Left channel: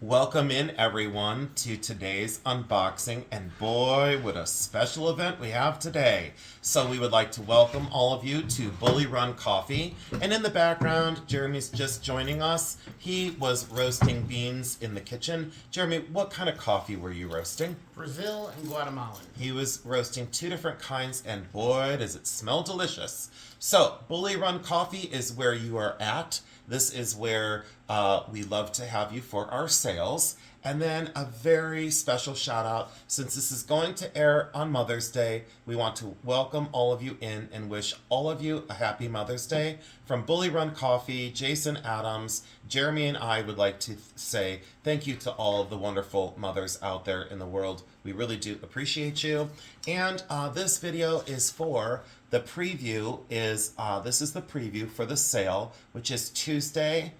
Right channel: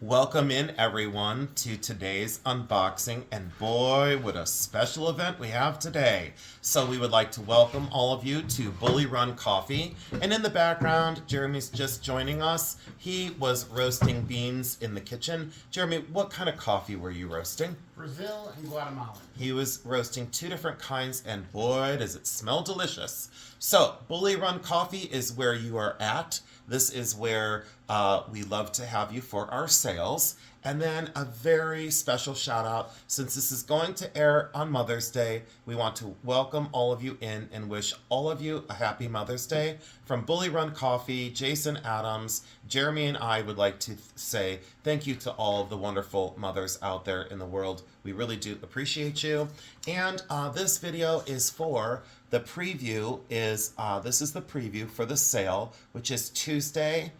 Welcome in everyone to today's unboxing, and boy, what a special event we have today. So we would like to welcome all of you to Bully Run Coffee, and in the background, Jeremy's just joining us. He was roasting beans in the kitchen. Jeremy, what kind of coffee were you roasting? Brazil and Guatemalan. He was roasting two different kinds, and boy, does it smell delicious. So, Bully Run Coffee is where you are at. This is where we love to have you for our sales. And then a very special shout out, since this is going to air on Mother's Day, we want to welcome all of you in and wish all of you a happy Mother's Day. From Bully Run Coffee, Jason Adams, Jeremy and I would like to say thank you to all of the wonderful mothers out there in the world. We really do appreciate you. And this video is for the preview this is the preview for the sale, which is Tuesday.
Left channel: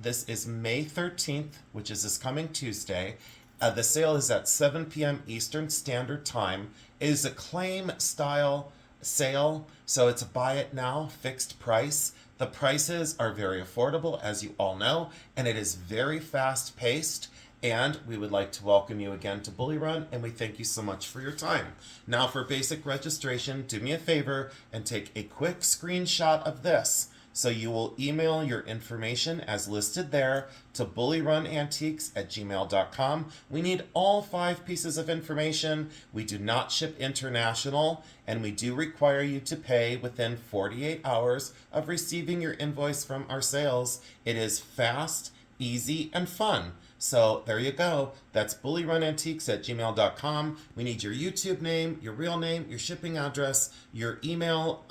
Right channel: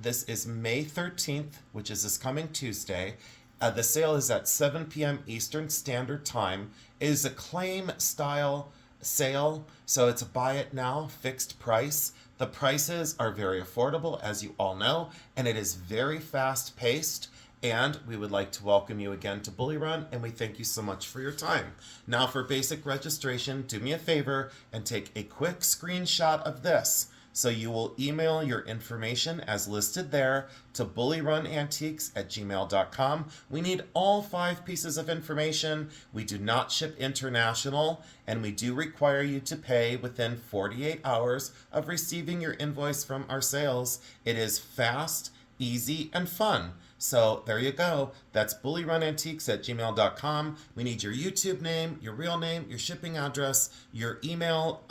This is May 13th, which is this coming Tuesday. The sale is at 7 p.m. Eastern Standard Time. It is a claim style sale, so it's a buy it now, fixed price. The prices are very affordable, as you all know, and it is very fast paced. And we would like to welcome you again to Bully Run, and we thank you so much for your time. Now for basic registration, do me a favor and take a quick screenshot of this. So you will email your information as listed there to bullyrunantiques@gmail.com. We need all 5 pieces of information. We do not ship international, and we do require you to pay within 48 hours of receiving your invoice from our sales. It is fast, easy, and fun. So there you go. That's bullyrunantiques@gmail.com. We need your YouTube name, your real name, your shipping address, your email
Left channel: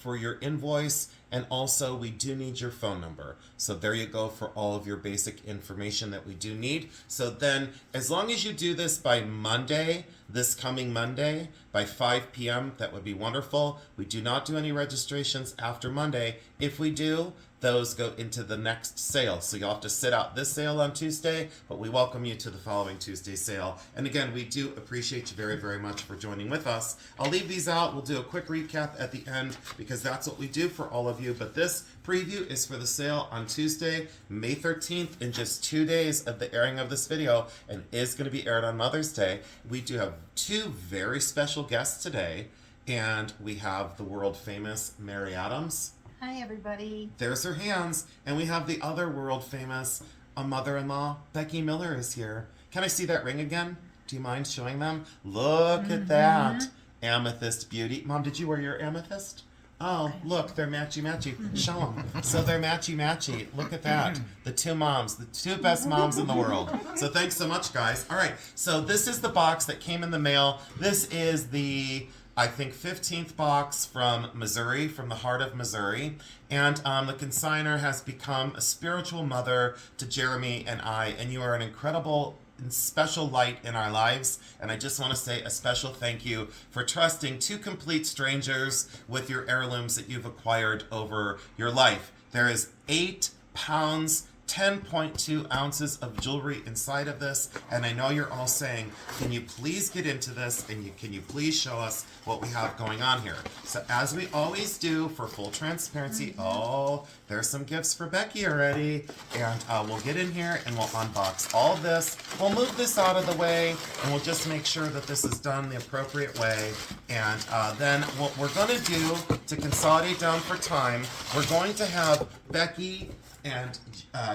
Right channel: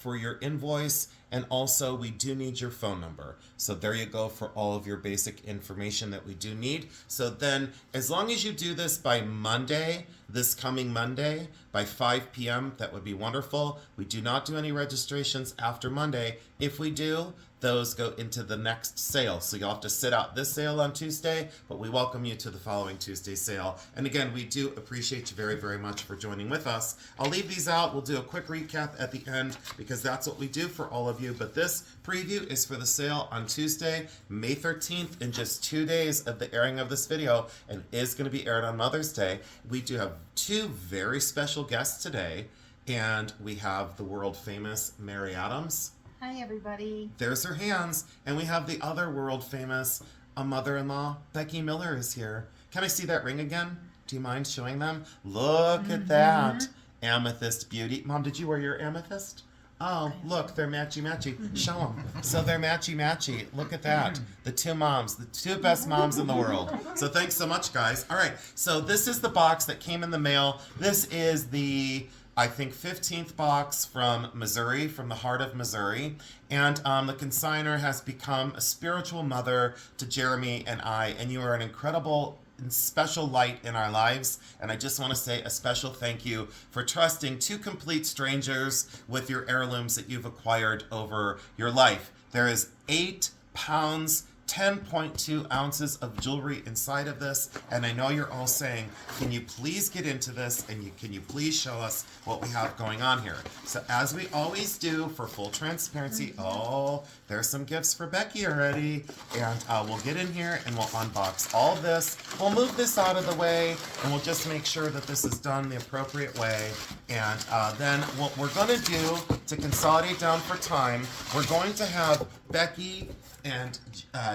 for your invoice, and also we do need your phone number. So there you go for all of your basic information that we do need. So then, as long as you do this by Monday, this coming Monday, by 5 p.m., that would be wonderful. We do not do any registrations after Monday. If we do, those go into the next sale. So you'll have to sit out this sale on Tuesday, but we welcome you to the following Tuesday sale. And again, we do appreciate you very, very much for joining with us. I'll leave these out. We'll do a quick recap at the end because that's what we do for all of you. But this preview is for the sale on Tuesday, May 13th, in just 2 days of the airing of this video, and is going to be aired on Mother's Day. We do have 2 very special guests today, and we have the world famous Mary Adams. Hi, everybody. There's her hands. And we have the other world famous mother-in-law, Becky Miller, is here. Can I see that ring again? Do you mind showing them? Look at that. Amethyst beauty. Mom, did you wear your amethyst? Oh, look, they're matchy-matchy. Show them. So they're matchy-matchy. Look at that. The 2 moms, the 2 best moms in the world. So thanks so much, guys. All right, so this is the box that came in the mail. This is the, I think, 15th box from Missouri, from the heart of Missouri. And the consigner has become a spiritual mother to Jeremy and I, and you are an incredible and special light in our lives. And I just want to say a special thank you for trusting 2 complete strangers with your heirlooms that you've acquired over your life. There is 8 pounds 10.2 ounces of jewelry inside of this, and I know you're all saying, can you please get into this, and can you please show us what we have going on here? So as we always do, for full transparency, oh, there's some gifts for Becky already, and we'll get in here and we'll unbox all of this. We'll move this out of the way, and we'll just make sure that this is done the appropriate way, and then what we're going to do to consolidate down for time, we're going to have Becky and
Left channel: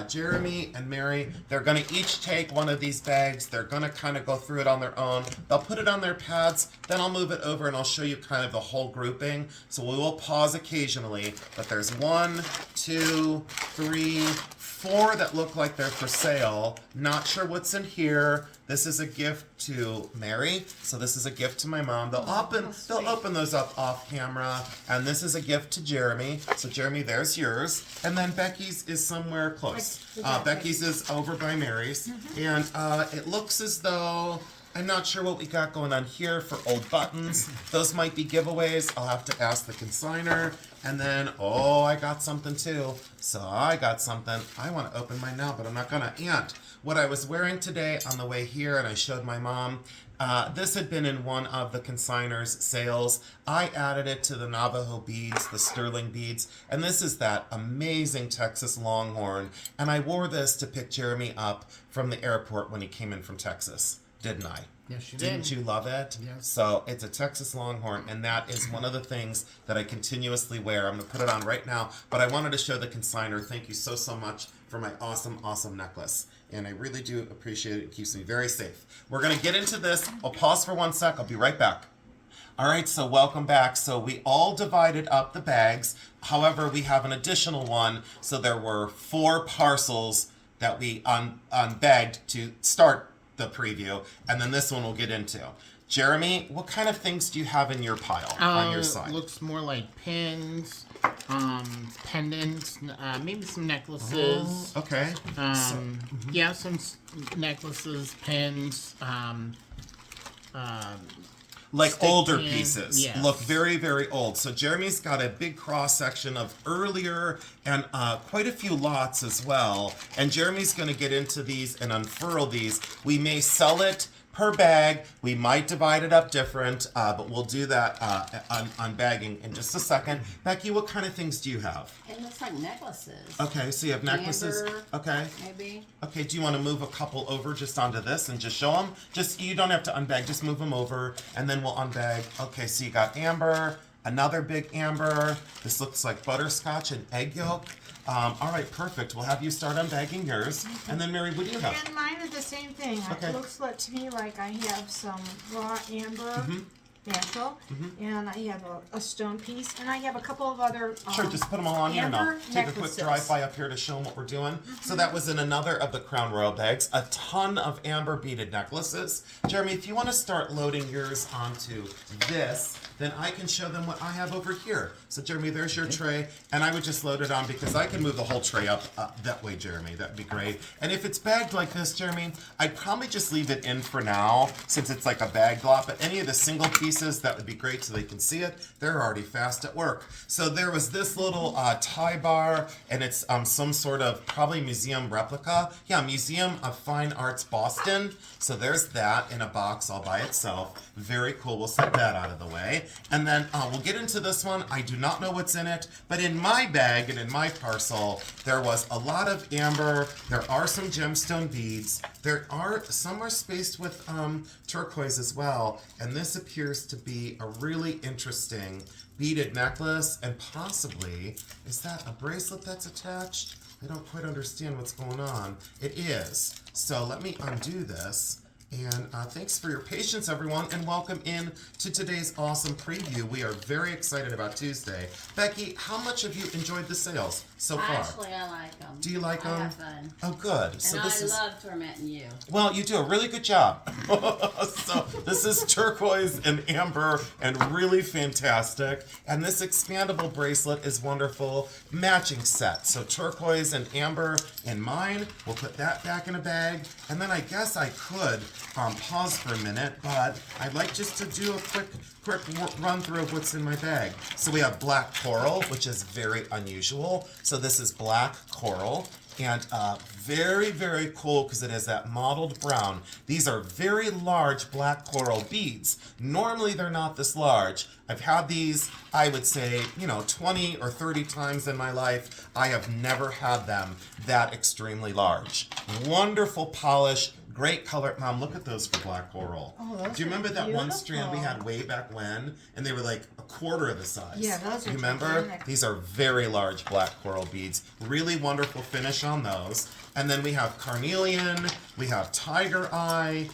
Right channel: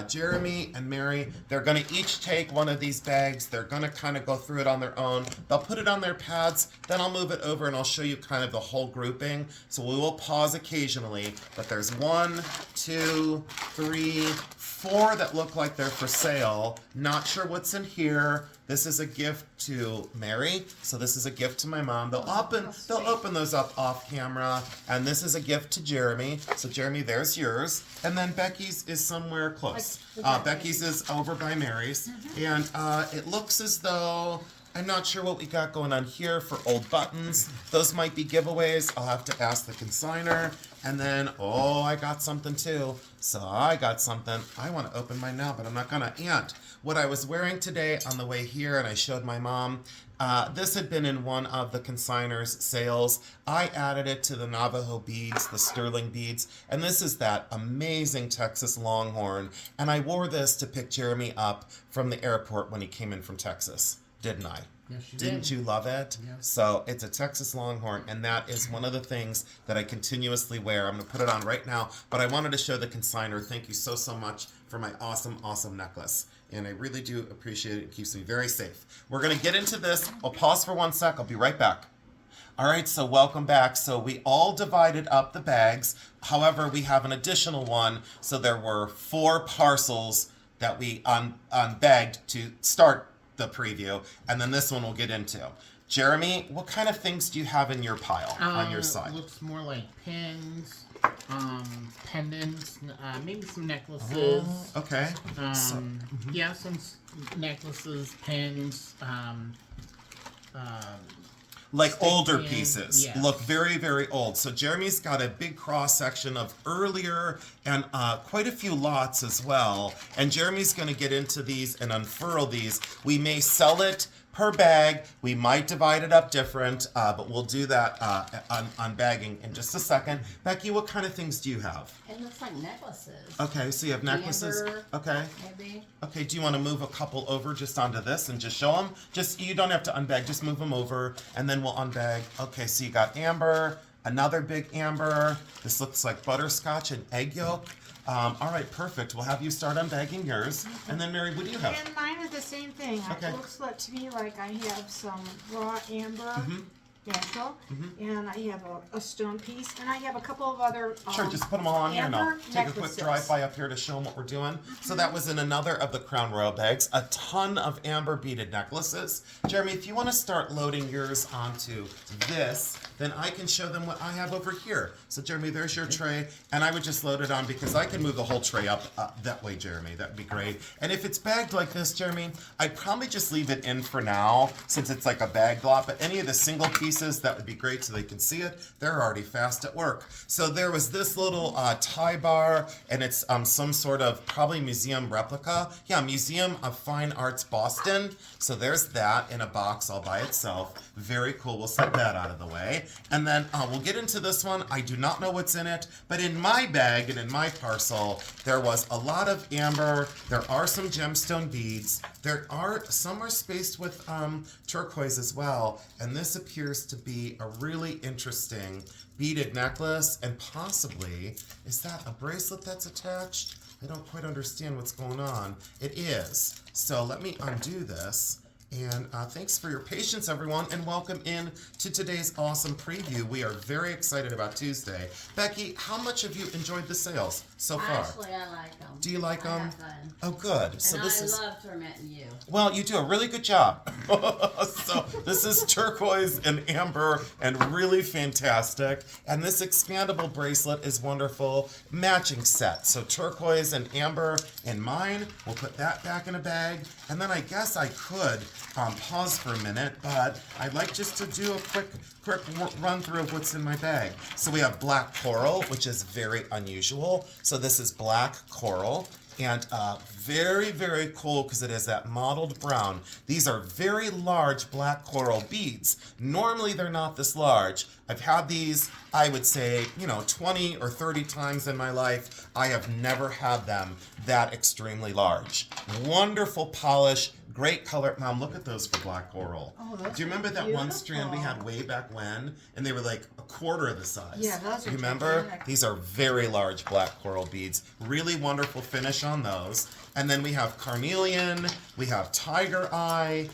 Jeremy and Mary, they're going to each take one of these bags. They're going to kind of go through it on their own. They'll put it on their pads, then I'll move it over and I'll show you kind of the whole grouping. So we will pause occasionally, but there's 1, 2, 3, 4 that look like they're for sale. Not sure what's in here. This is a gift to Mary, so this is a gift to my mom. They'll open those up off camera, and this is a gift to Jeremy. So Jeremy, there's yours, and then Becky's is somewhere close. Becky's is over by Mary's, and it looks as though I'm not sure what we got going on here for old buttons. Those might be giveaways. I'll have to ask the consigner. And then, oh, I got something too. So I got something. I want to open mine now, but I'm not going to. And what I was wearing today on the way here, and I showed my mom, this had been in one of the consigner's sales. I added it to the Navajo beads, the sterling beads, and this is that amazing Texas Longhorn. And I wore this to pick Jeremy up from the airport when he came in from Texas. Didn't I? Yes, you Didn't you love it? Yes. So it's a Texas Longhorn, and that is one of the things that I continuously wear. I'm going to put it on right now, but I wanted to show the consigner. Thank you so, so much for my awesome, awesome necklace. And I really do appreciate it. It keeps me very safe. We're going to get into this. I'll pause for 1 sec. I'll be right back. All right, so welcome back. So we all divided up the bags. However, we have an additional one. So there were 4 parcels that we unbagged to start the preview, and then this one we'll get into. Jeremy, what kind of things do you have in your pile on your side? Looks more like pins, pendants, maybe some necklaces. Oh, okay. Yeah, some necklaces, pins, like stick older pin, pieces. yes. Look very, very old. So Jeremy's got a big cross section of earlier and quite a few lots as well. And Jeremy's going to get into these and unfurl these. We may sell it per bag. We might divide it up different, but we'll do that on bagging in just a second. Becky, what kind of things do you have? It looks like necklaces. Okay, so you have necklaces. Amber, okay. maybe. Okay, do you want to move a couple over just onto this and just show them? Just, you don't have to unbag, just move them over, and then we'll unbag. Okay, so you got amber, another big amber. This looks like butterscotch and egg yolk. All right, perfect. We'll have you start unbagging yours. And then, Mary, what do you have? And mine are the same thing. Okay. It looks like to me like I have some raw amber, natural, and I have a stone piece, and I have a couple of other Sure, just put them all on here and I'll amber take a quick necklaces. drive-by up here to show them what we're doing. So that was in another of the Crown Royal bags. A ton of amber beaded necklaces. Jeremy, if you want to start loading yours onto this, then I can show them what I have over here. So Jeremy, there's your tray, and I would just load it on because I can move the whole tray up that way, Jeremy. That'd be great. And if it's bagged like this, Jeremy, I'd probably just leave it in for now since it's like a bagged lot, but any of the single pieces, that would be great so they can see it. They're already fast at work. So there was this little tie bar, and it's some sort of probably museum replica. Yeah, Museum of Fine Arts Boston. So there's that in a box all by itself. Very cool. We'll set that out of the way. And then we'll get into this one. I do not know what's in it, but in my bag and in my parcel, there was a lot of amber. There are some gemstone beads. Some are spaced with turquoise as well. And this appears to be a really interesting beaded necklace, and possibly, is that a bracelet that's attached? I don't quite understand what's going on. It is. So let me undo this. And thanks for your patience, everyone, and welcome in to today's awesome preview. We are very excited about Tuesday. Becky, how much have you enjoyed the sales so far? Actually, I like them. Do you like them? I have fun. Oh, good. So And this I is. love tormenting you. Well, you do a really good job. So this is turquoise and amber and really fantastic. And this expandable bracelet is wonderful. Matching set. So turquoise and amber in mine. We'll put that back in a bag. And then I guess I could pause for a minute, but I'd like just to do a quick run through of what's in my bag. So we have black coral, which is very unusual. So this is black coral. And very, very cool because it has that mottled brown. These are very large black coral beads. Normally they're not this large. I've had these, I would say, 20 or 30 times in my life. I have never had them that extremely large. Wonderful polish, great color. Mom, look at those for black coral. Oh, those Do you remember are that one strand we beautiful. had way back when? And they were like a quarter of the size. Yeah, those are Remember? gigantic. These are very large black coral beads. Really wonderful finish on those. And then we have carnelian, we have tiger eye,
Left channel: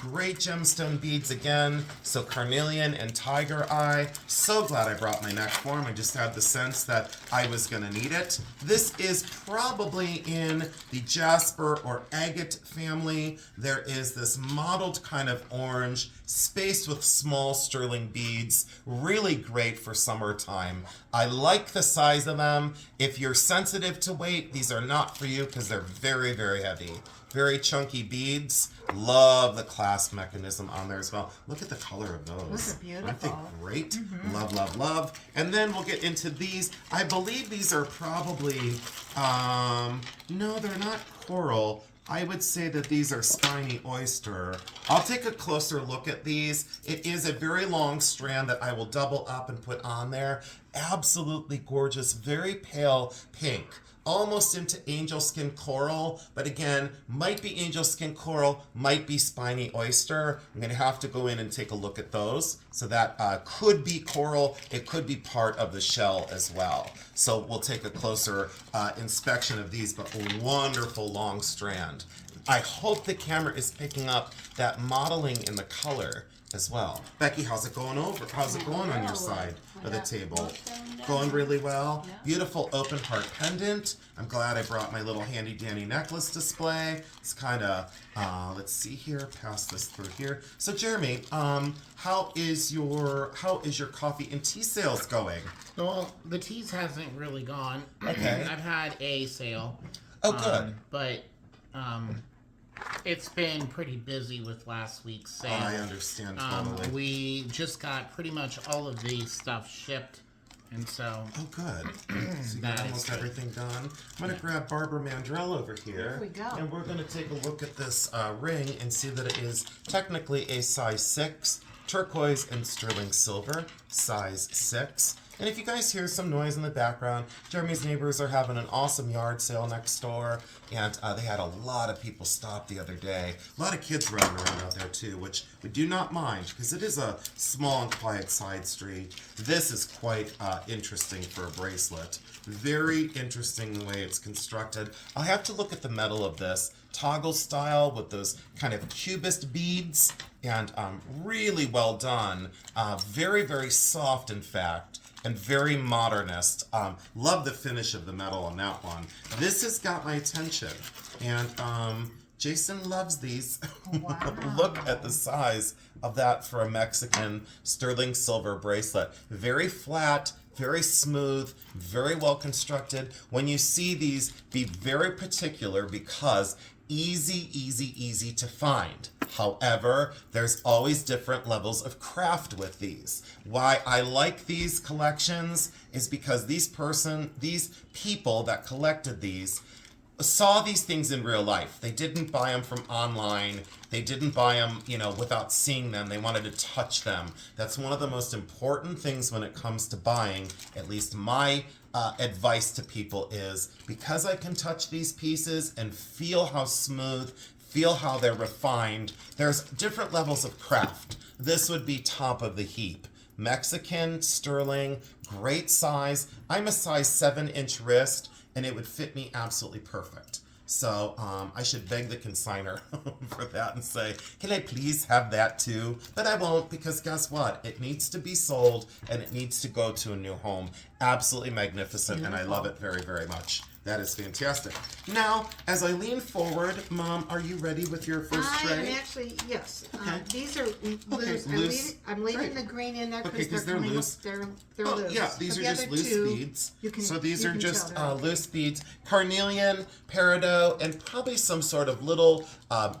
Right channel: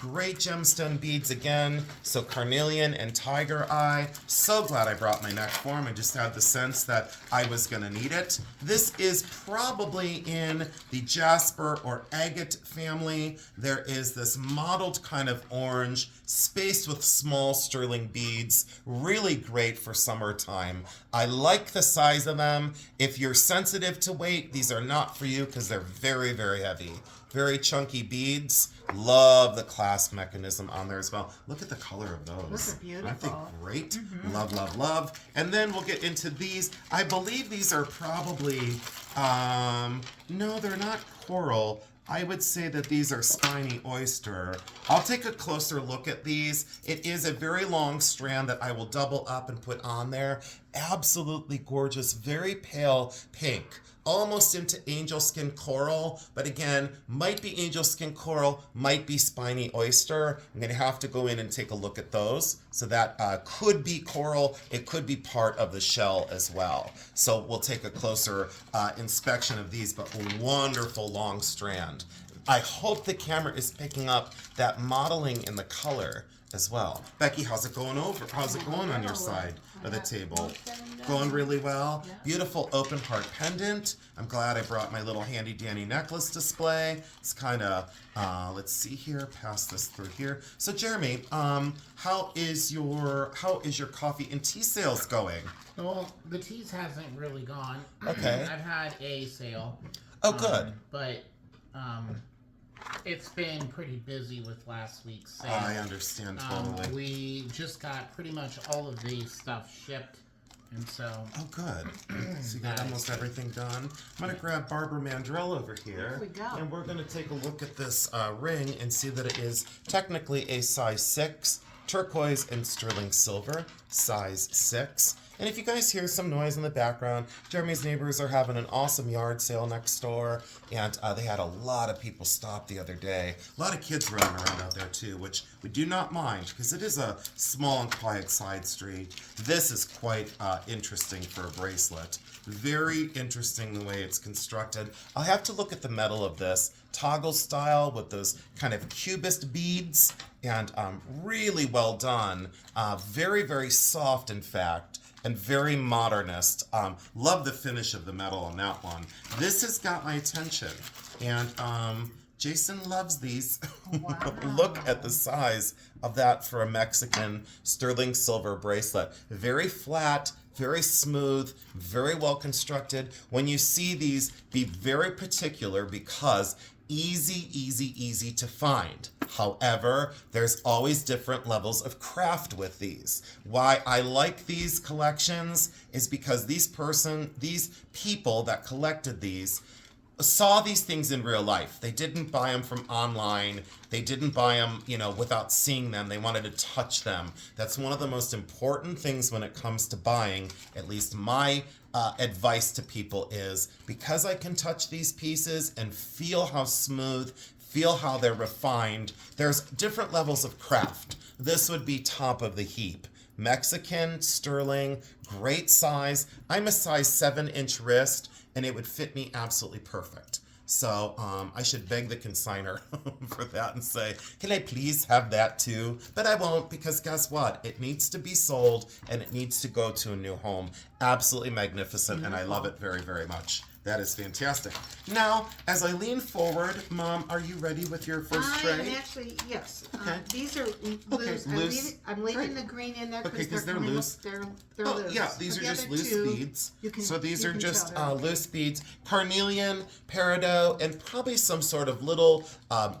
great gemstone beads again. So carnelian and tiger eye. So glad I brought my neck form. I just had the sense that I was going to need it. This is probably in the jasper or agate family. There is this mottled kind of orange spaced with small sterling beads. Really great for summertime. I like the size of them. If you're sensitive to weight, these are not for you because they're very, very heavy. Very chunky beads. Love the clasp mechanism on there as well. Look at the color of those. Those are beautiful. Aren't they great? Love, love, love. And then we'll get into these. I believe these are probably, no, they're not coral. I would say that these are spiny oyster. I'll take a closer look at these. It is a very long strand that I will double up and put on there. Absolutely gorgeous, very pale pink. Almost into angel skin coral, but again, might be angel skin coral, might be spiny oyster. I'm going to have to go in and take a look at those. So that could be coral, it could be part of the shell as well. So we'll take a closer inspection of these, but a wonderful long strand. I hope the camera is picking up that modeling in the color as well. Becky, how's it going on your side of the table? Going really well. Beautiful open heart pendant. I'm glad I brought my little handy dandy necklace display. It's kind of, let's see here, pass this through here. So Jeremy, how is your coffee and tea sales going? Well, the teas hasn't really gone. Okay. I've had a sale. Oh, good. But it's been pretty busy with last week's sale. I understand totally. We just got pretty much all of the stuff shipped, and so. Oh, good. So you got almost everything done. I'm going to grab Barbara Mandrell over here. Here we go. And we're going to take a look at this ring and see that it is technically a size 6, turquoise and sterling silver, size 6. And if you guys hear some noise in the background, Jeremy's neighbors are having an awesome yard sale next door, and they had a lot of people stop the other day. A lot of kids running around out there too, which we do not mind because it is a small and quiet side street. This is quite interesting for a bracelet. Very interesting the way it's constructed. I'll have to look at the metal of this. Toggle style with those kind of cubist beads, and really well done. Very, very soft, in fact. And very modernist. Love the finish of the metal on that one. This has got my attention. And Jason loves these. Wow. Look at the size of that for a Mexican sterling silver bracelet. Very flat, very smooth, very well constructed. When you see these, be very particular because easy to find. However, there's always different levels of craft with these. Why I like these collections is because these people that collected these saw these things in real life. They didn't buy them from online. They didn't buy them, without seeing them. They wanted to touch them. That's one of the most important things when it comes to buying. At least my advice to people is, because I can touch these pieces and feel how smooth, feel how they're refined, there's different levels of craft. This would be top of the heap. Mexican, sterling, great size. I'm a size 7-inch wrist, and it would fit me absolutely perfect. So I should beg the consignor for that and say, can I please have that too? But I won't, because guess what? It needs to be sold and it needs to go to a new home. Absolutely magnificent, and I love it very, very much. That is fantastic. Now, as I lean forward, Mom, are you ready with your first tray? I am actually, yes. Okay. These are Okay, loose. loose. I'm leaving Right. the green in there Okay, because 'cause they're they're coming loose. up. They're Oh, loose. yeah, these But are the just other loose two, beads. you can- So these you are can just tell they're loose beads. Carnelian, peridot, and probably some sort of little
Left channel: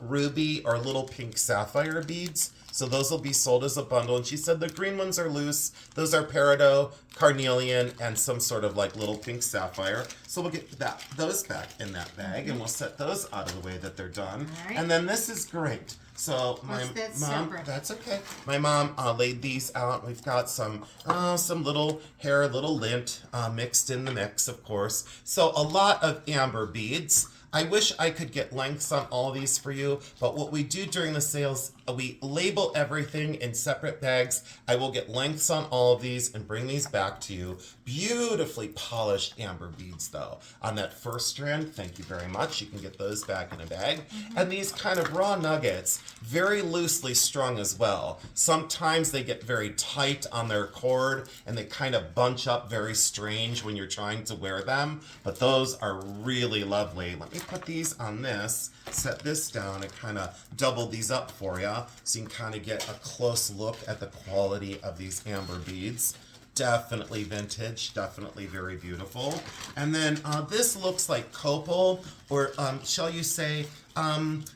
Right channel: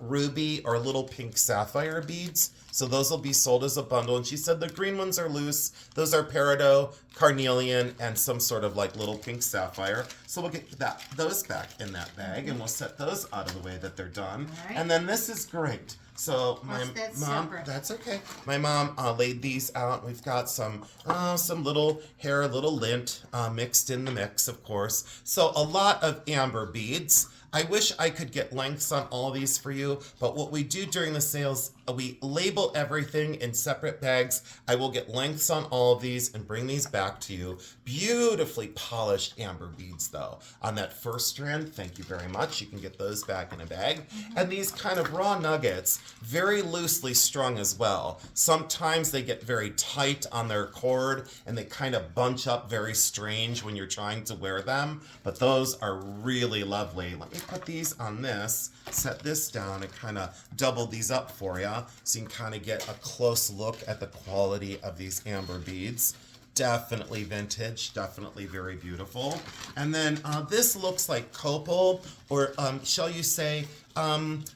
ruby or little pink sapphire beads. So those will be sold as a bundle. And she said the green ones are loose. Those are peridot, carnelian, and some sort of like little pink sapphire. So we'll get those back in that bag, and we'll set those out of the way that they're done. All right. And then this is great. So my What's that mom, separate? that's okay. My mom laid these out. We've got some little hair, little lint mixed in the mix, of course. So a lot of amber beads. I wish I could get lengths on all these for you, but what we do during the sales, we label everything in separate bags. I will get lengths on all of these and bring these back to you. Beautifully polished amber beads, though. On that first strand, thank you very much. You can get those back in a bag. And these kind of raw nuggets, very loosely strung as well. Sometimes they get very tight on their cord, and they kind of bunch up very strange when you're trying to wear them, but those are really lovely. Let me to put these on this, set this down, and kind of double these up for you so you can kind of get a close look at the quality of these amber beads. Definitely vintage, definitely very beautiful. And then this looks like copal, or shall you say,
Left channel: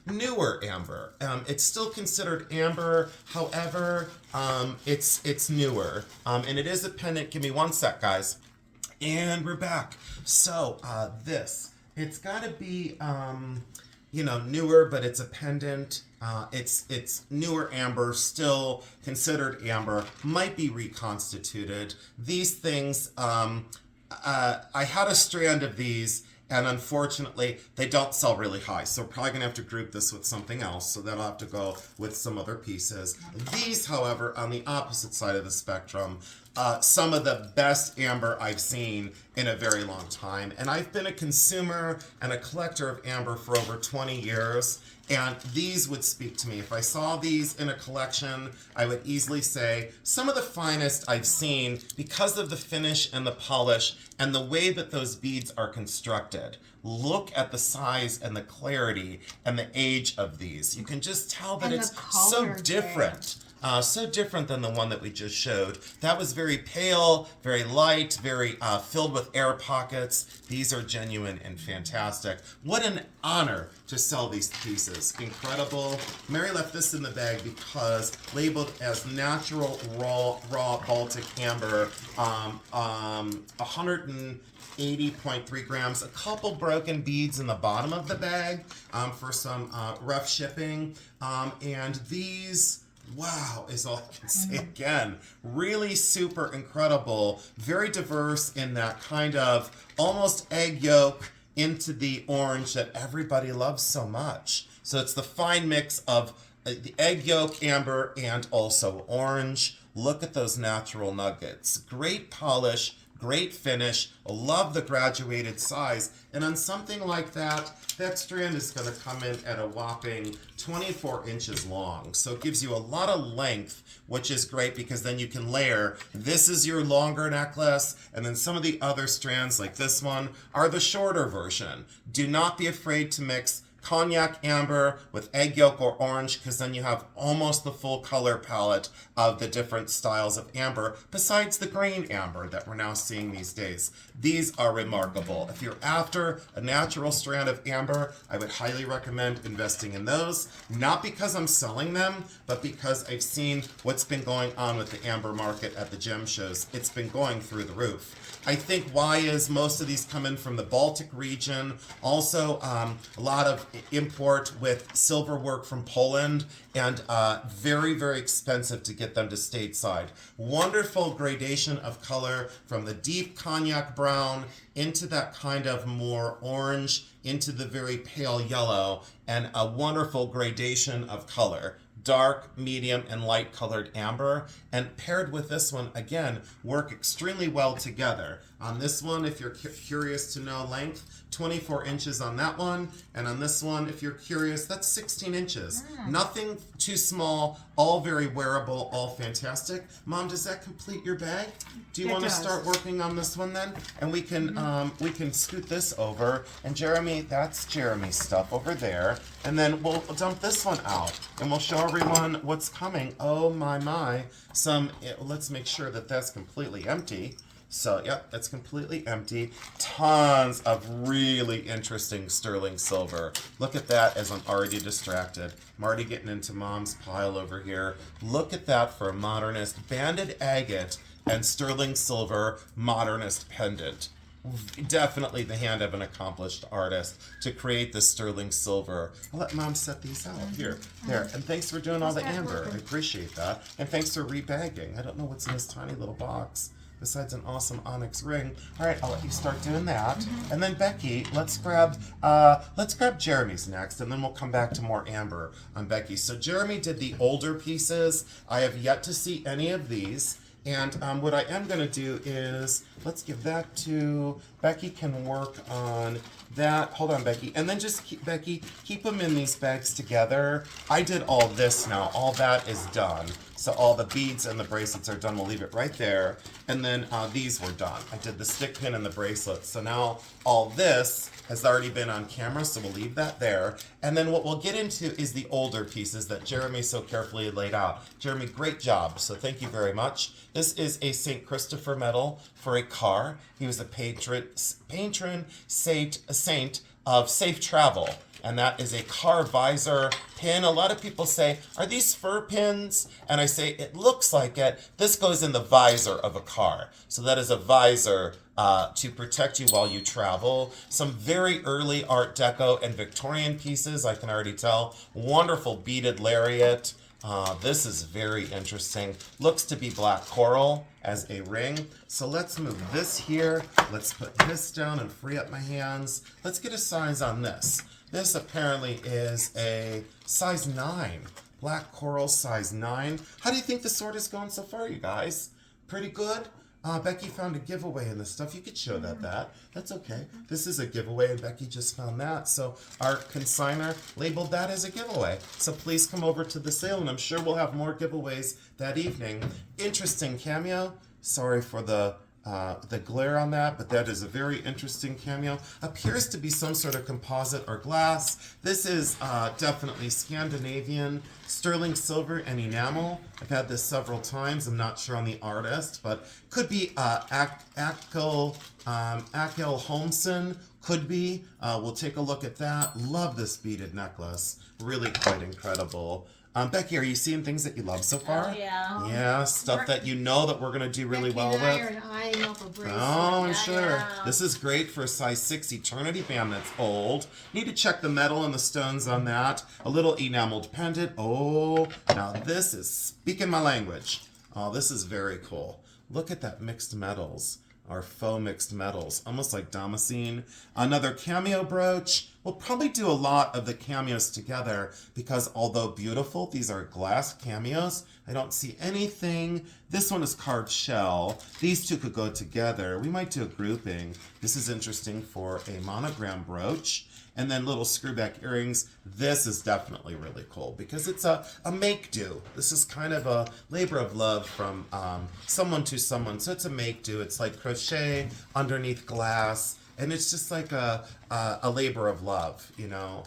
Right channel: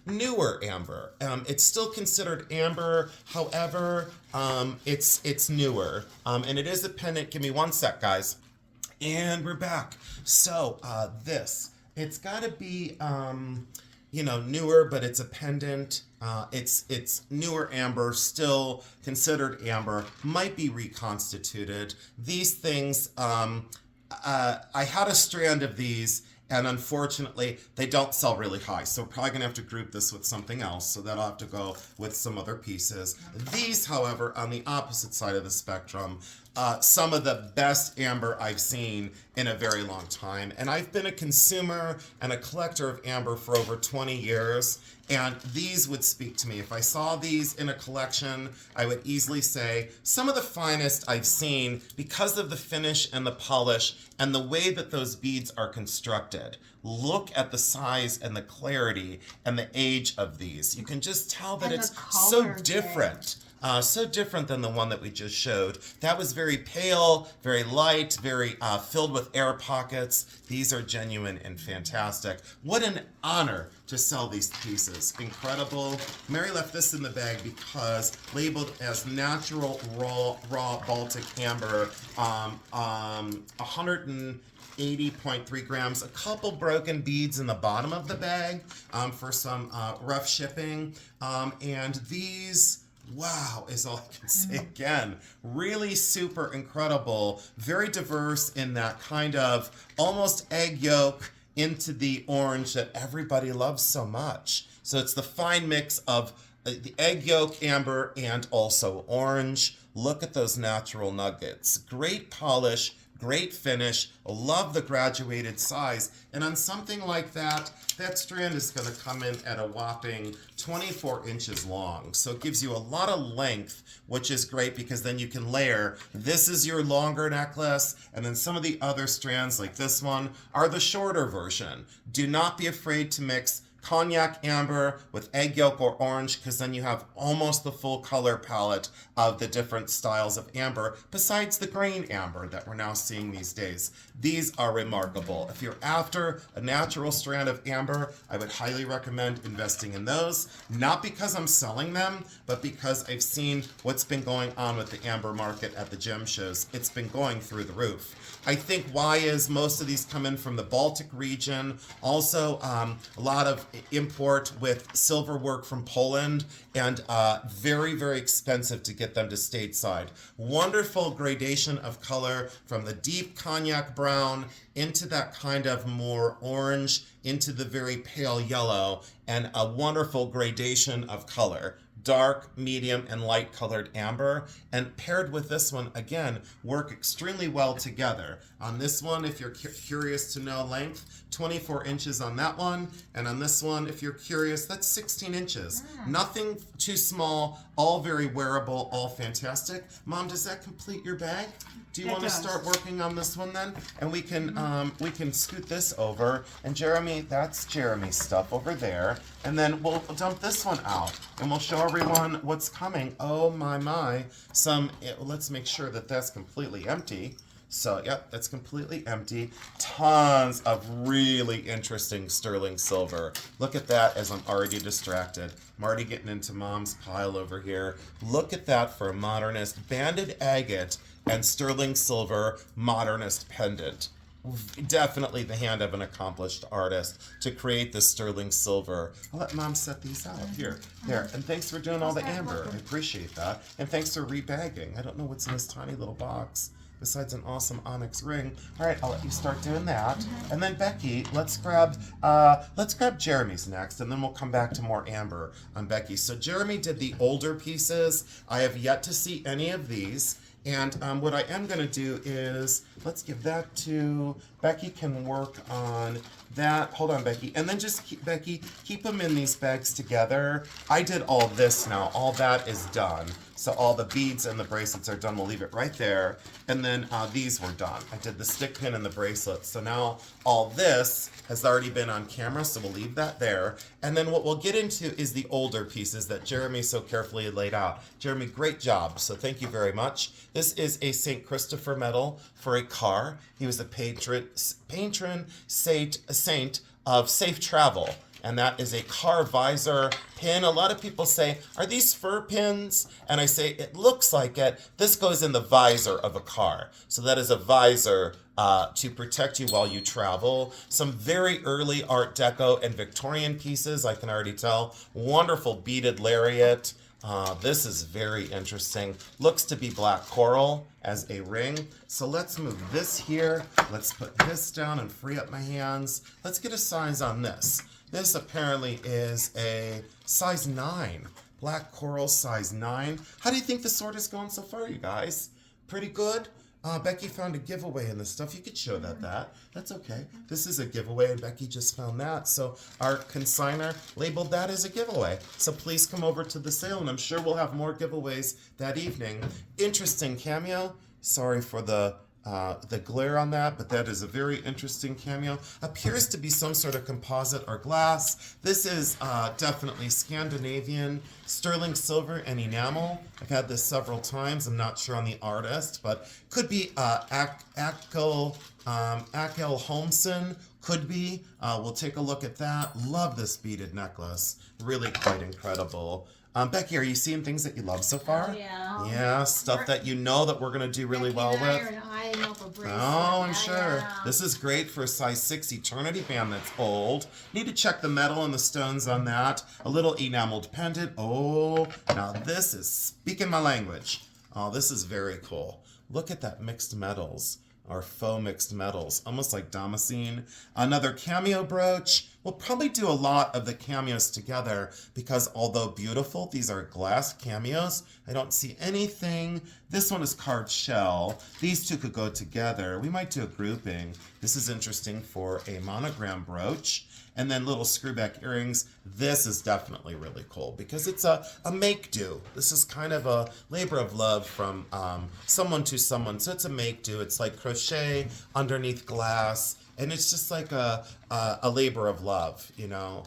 newer amber. It's still considered amber, however, it's newer. And it is a pendant. Give me one sec, guys. And we're back. So it's got to be, newer, but it's a pendant. It's newer amber, still considered amber, might be reconstituted. These things, I had a strand of these, and unfortunately, they don't sell really high. So we're probably going to have to group this with something else. So that'll have to go with some other pieces. These, however, on the opposite side of the spectrum, some of the best amber I've seen in a very long time. And I've been a consumer and a collector of amber for over 20 years. And these would speak to me. If I saw these in a collection, I would easily say some of the finest I've seen because of the finish and the polish and the way that those beads are constructed. Look at the size and the clarity and the age of these. You can just tell that And it's the so color, different. So different than the one that we just showed. That was very pale, very light, very filled with air pockets. These are genuine and fantastic. What an honor to sell these pieces. Incredible. Mary left this in the bag because labeled as natural raw Baltic amber, 180.3 grams, a couple broken beads in the bottom of the bag for some rough shipping. And these, wow, is all I can say again. Really super incredible, very diverse in that kind of almost egg yolk into the orange that everybody loves so much. So it's the fine mix of the egg yolk amber and also orange. Look at those natural nuggets. Great polish, great finish. Love the graduated size. And on something like that, that strand is going to come in at a whopping 24 inches long. So it gives you a lot of length, which is great because then you can layer. This is your longer necklace, and then some of the other strands like this one are the shorter version. Do not be afraid to mix cognac amber with egg yolk or orange, because then you have almost the full color palette of the different styles of amber, besides the green amber that we're now seeing these days. These are remarkable. If you're after a natural strand of amber, I would highly recommend investing in those, not because I'm selling them, but because I've seen what's been going on with the amber market at the gem shows. It's been going through the roof. I think why is most of these come in from the Baltic region. Also, a lot of import with silver work from Poland, and very, very expensive to get them to stateside. Wonderful gradation of color from the deep cognac brown into that kind of more orange, into the very pale yellow, and a wonderful gradation of color. Dark, medium, and light colored amber, and paired with this one, again, work extremely well together. On this one, if you're curious to know length, 24 inches on that one, and on this one, if you're curious, that's 16 inches. Nothing too small, all very wearable, all fantastic. Mom, does that complete your bag? Do you It want to does. start working on this one then? And we can scoot this over, and Jeremy, that's Jeremy's stuff over there, and then we'll dump this one out, and we'll show everyone what's coming. Oh my, let's make sure that that's completely empty. So, yep, that's completely empty. Tons of really interesting sterling silver. Look at that as I'm already distracted. I'm already getting into Mom's pile over here. Look at that for a modernist banded agate and sterling silver modernist pendant. Definitely the hand of an accomplished artist to create this sterling silver. I'll let Mom set these out. Here. And thanks for doing all the amber. I appreciate that. And thanks for rebagging. I don't know what's in this tiny little box besides an awesome onyx ring. All right, I'll let you start doing that. And then Becky, let's grab Jeremy's next, and then we'll come back to more amber on Becky. So Jeremy did the older pieces. I have yet to see any of these. And what I am going to do is, let's give that to, Becky can work on that. Hold on, Becky. And then just keep, Becky, keep them in these bags together. I did all this now. All that is done. So all the beads and the bracelets are done. We'll leave it right there. And then these were done. I did the stick pin and the bracelets. So now all this has already been on camera, so we'll leave that there. And then what we'll get into is the older pieces that Jeremy so carefully laid out. Jeremy, great job. So thank you very much. This is a St. Christopher medal for a car. He was a patron saint of safe travel. And that is a car visor pin. A lot of people say, are these fur pins? And I say, it looks like it. This goes in the visor of a car. So that is a visor to protect you while you travel. Some very early Art Deco and Victorian pieces, I can already tell. Wonderful beaded lariat. This is very interesting. Looks to be black coral as a ring. So let's move this here. Let's put this down and free up my hands. Let's get a size on this. This apparently is a size 9. Black coral size 9. How do you think the sword is going so far, you guys? Pretty good? Becky found a giveaway in this stuff. You could show that. That's okay. This is a giveaway, and Becky just found that. So our consigner labeled that as a giveaway. So please come over to the sale, and I'm sure we'll have more giveaways that evening. Interesting cameo. Sorry for the glare on that, but that is a very interesting cameo. Appears to be some sort of composite or glass. This is definitely Scandinavian, sterling silver and enamel. I've had this several times. I'm not sure on the artist, but could be Akel Holmsen. Could be. We'll take a look at that. Love this beaded necklace. Really quite incredible. Becky, are you seeing things that you love so far? Oh, yeah. Yeah, stuff that you know that we're going to do really well with. Eyeing up a bracelet. Oh, I'm Yeah, sure. yeah. This is great for a size 6 eternity band that's old. Need to check the metal and the stones on that. A little enameled pendant. Oh, now this is speaking my language. Oh, this is very cool. Look at that mixed metals. Or faux mixed metals, almost like damascene. Another cameo brooch. We'll probably do a lot of the cameos together because although beautiful, these are glass cameos. I don't see anything. This one is carved shell. These two could go together. We might do a grouping. This is interesting for a monogram brooch. And then little screwback earrings. This is definitely really cool because it's a make-do. This is kind of a labor of love from someone to someone. So it's a make-do. It's like crochet underneath glass. And it's just like a labor of love, you know.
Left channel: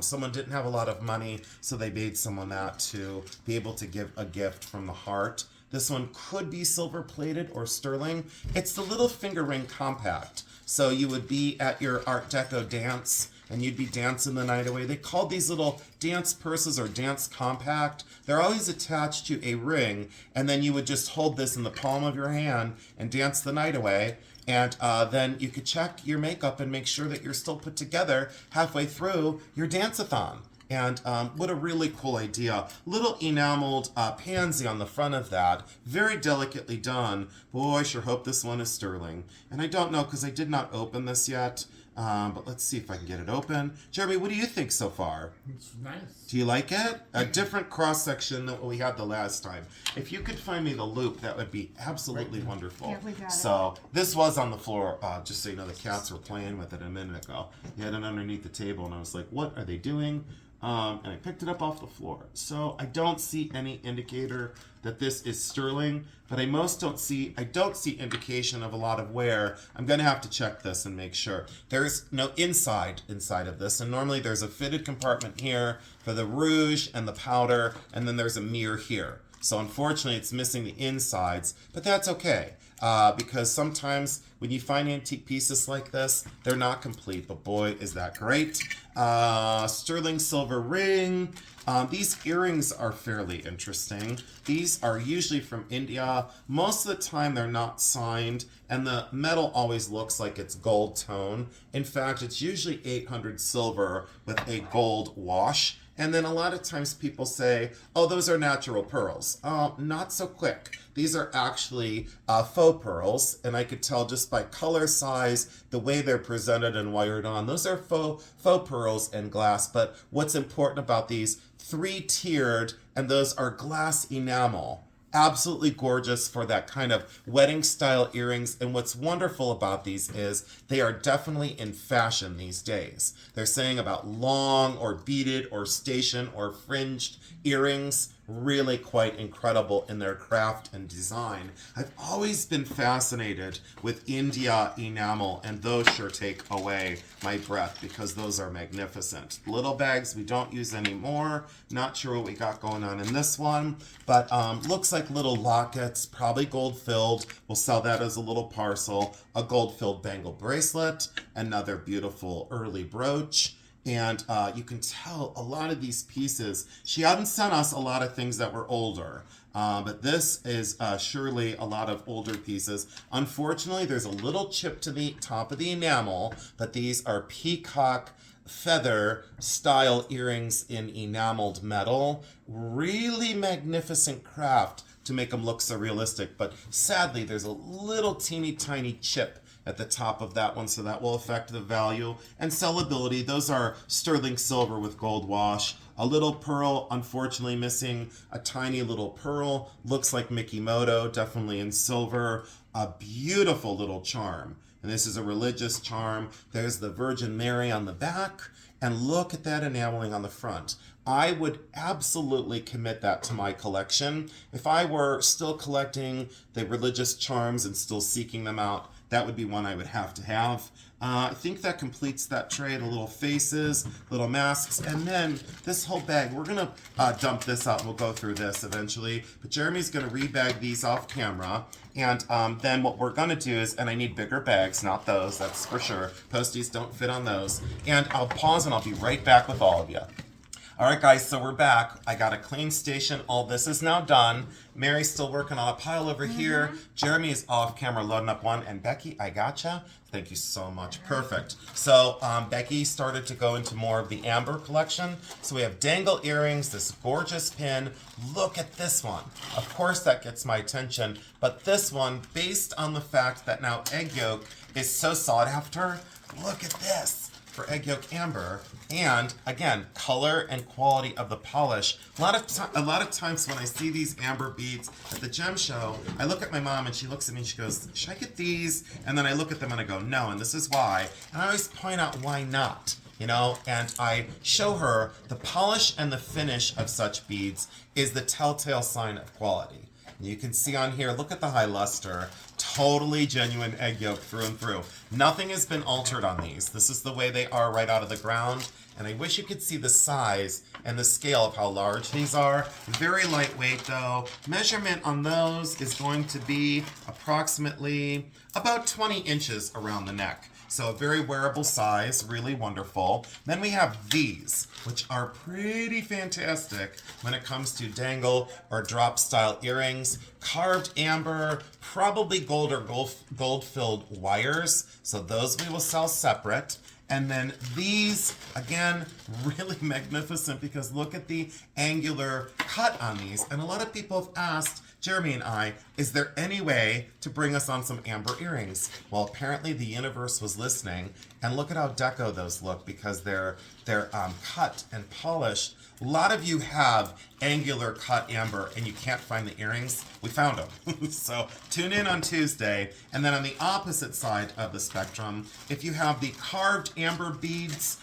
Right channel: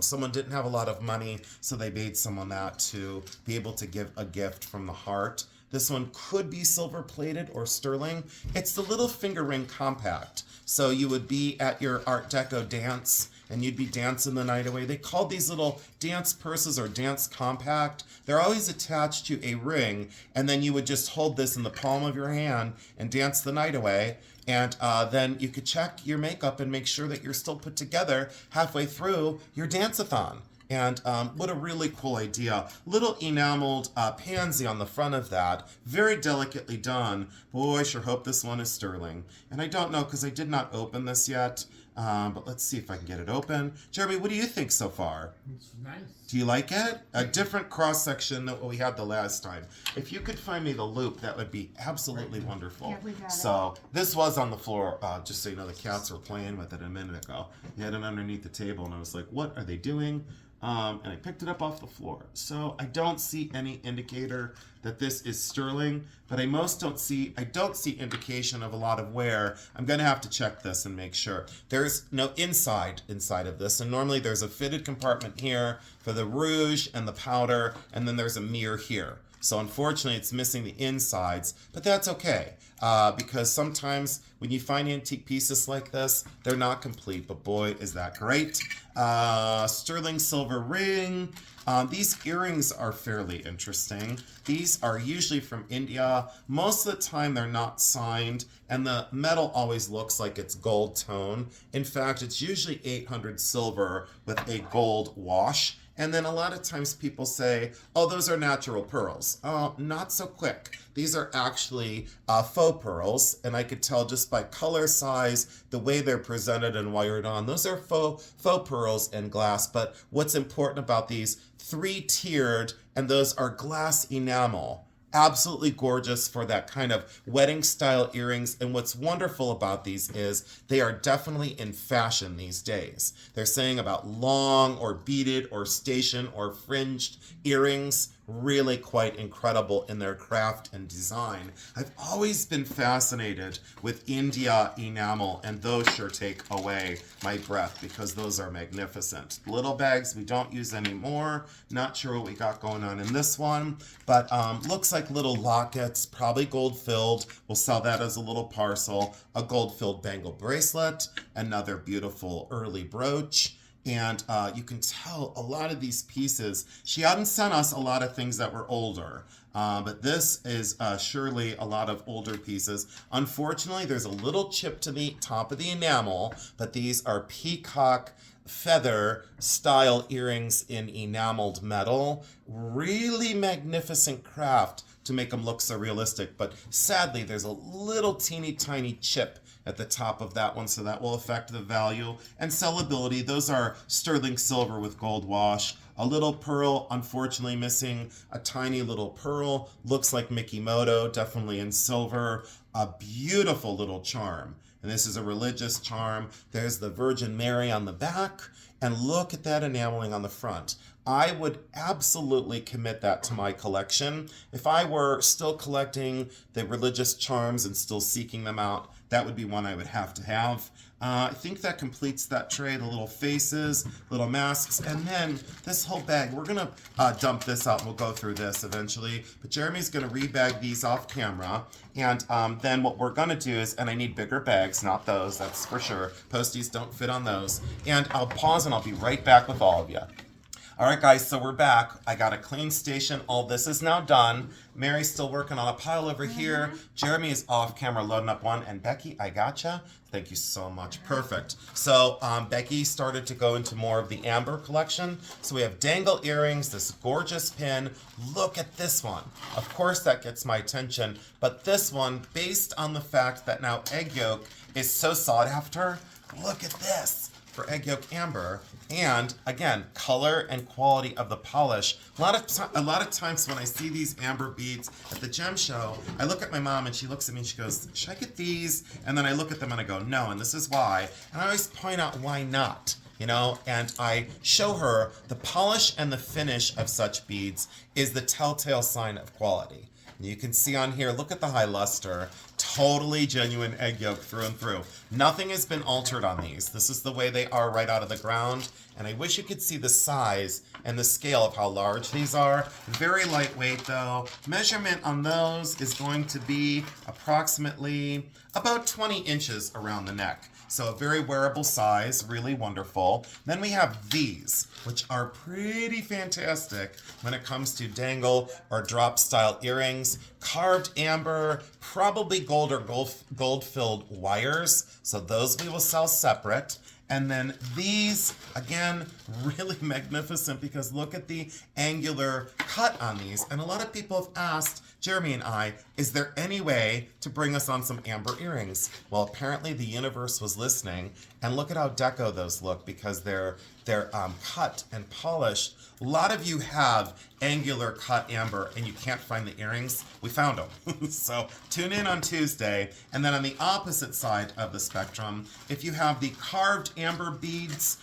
Someone didn't have a lot of money, so they made someone that to be able to give a gift from the heart. This one could be silver-plated or sterling. It's the little finger ring compact. So you would be at your Art Deco dance, and you'd be dancing the night away. They called these little dance purses or dance compact. They're always attached to a ring, and then you would just hold this in the palm of your hand and dance the night away. And then you could check your makeup and make sure that you're still put together halfway through your dance-a-thon. And what a really cool idea. Little enameled pansy on the front of that. Very delicately done. Boy, I sure hope this one is sterling. And I don't know because I did not open this yet. But let's see if I can get it open. Jeremy, what do you think so far? It's nice. Do you like it? A different cross-section than what we had the last time. If you could find me the loop, that would be absolutely wonderful. Yeah, we got it. So this was on the floor, just so you know, the cats were playing with it a minute ago. They had it underneath the table, and I was like, what are they doing? And I picked it up off the floor. So I don't see any indicator that this is sterling, but I don't see indication of a lot of wear. I'm gonna have to check this and make sure. There's no inside of this, and normally there's a fitted compartment here for the rouge and the powder, and then there's a mirror here. So unfortunately it's missing the insides, but that's okay. Because sometimes when you find antique pieces like this, they're not complete, but boy, is that great. Sterling silver ring. These earrings are fairly interesting. These are usually from India. Most of the time they're not signed, and the metal always looks like it's gold tone. In fact, it's usually 800 silver with a gold wash. And then a lot of times people say, oh, those are natural pearls. Not so quick. These are actually faux pearls, and I could tell just by color, size, the way they're presented and wired on. Those are faux pearls and glass, but what's important about these, 3-tiered, and those are glass enamel. absolutely gorgeous for that kind of wedding style earrings. And what's wonderful about these is they are definitely in fashion these days. They're saying about long or beaded or station or fringed earrings, really quite incredible in their craft and design. I've always been fascinated with India enamel, and those sure take away my breath because those are magnificent. Little bags we don't use anymore. Not sure what we got going on in this one, but looks like little lockets, probably gold filled. We'll sell that as a little parcel. A gold filled bangle bracelet, another beautiful early brooch. And you can tell a lot of these pieces, she hadn't sent us a lot of things that were older, but this is surely a lot of older pieces. Unfortunately, there's a little chip to the top of the enamel, but these are peacock feather style earrings in enameled metal. Really magnificent craft to make them look so realistic, but sadly, there's a little teeny tiny chip at the top of that one, so that will affect the value and sellability. Those are sterling silver with gold wash. A little pearl, unfortunately missing a tiny little pearl. Looks like Mickey Moto, definitely in silver. A beautiful little charm. And this is a religious charm. There's the Virgin Mary on the back. And look at that enameling on the front. I would absolutely commit that to my collection. If I were still collecting the religious charms and still seeking them out, that would be one I would have to have. I think that completes that tray. The little faces, little masks, and then this whole bag. We're going to dump this out. We'll go through this eventually. But Jeremy's going to rebag these off camera. And then what we're going to do is, and I need bigger bags, not those, that's for sure. Posties don't fit on those. And I'll pause and I'll be right back with all of you. All right, guys, so we're back. I got a clean station. All this is now done. Mary's still working on a pile over here. Jeremy is off camera loading up one. And Becky, I gotcha. Thank you so much. Perfect. So Becky started to go into more of the amber collection. So we have dangle earrings, this gorgeous pin. Look at this one. Of course, that gets my attention. But this one, based on the fact that now egg yolk is so sought after, look at this for egg yolk amber. And again, color and quality of the polish. A lot of times when I see these amber beads at the gem show, I look at my mom and she looks at me and she goes, should I get these? And then I look at them and I go, no, and this is why. And I always point out why not, you know? And I show her the polish and the finish of such beads is the telltale sign of quality. You can see on here, look at the high luster. Totally genuine egg yolk through and through. Nothing has been altered on these. This is the way they are right out of the ground. And I wish you could see the size and the scale of how large these are. Very lightweight though. Measurement on those is going to be approximately about 20 inches around the neck. So a very wearable size, really wonderful. Then we have these, which are pretty fantastic when it comes to dangle or drop style earrings. Carved amber, probably gold or gold-filled wires. So those we will sell separate. And then these, again, really magnificent because look at the angular cut on these. And a lot of people have asked Jeremy and I, is there any way to bring us on some amber earrings? Well, apparently the universe was listening, and look at how deco those look because they're cut and polished. A lot of you have angular cut amber and you can't find the earrings. We found them. So tune in on Tuesday. And then on the opposite side of the spectrum, if you have the carved amber beads,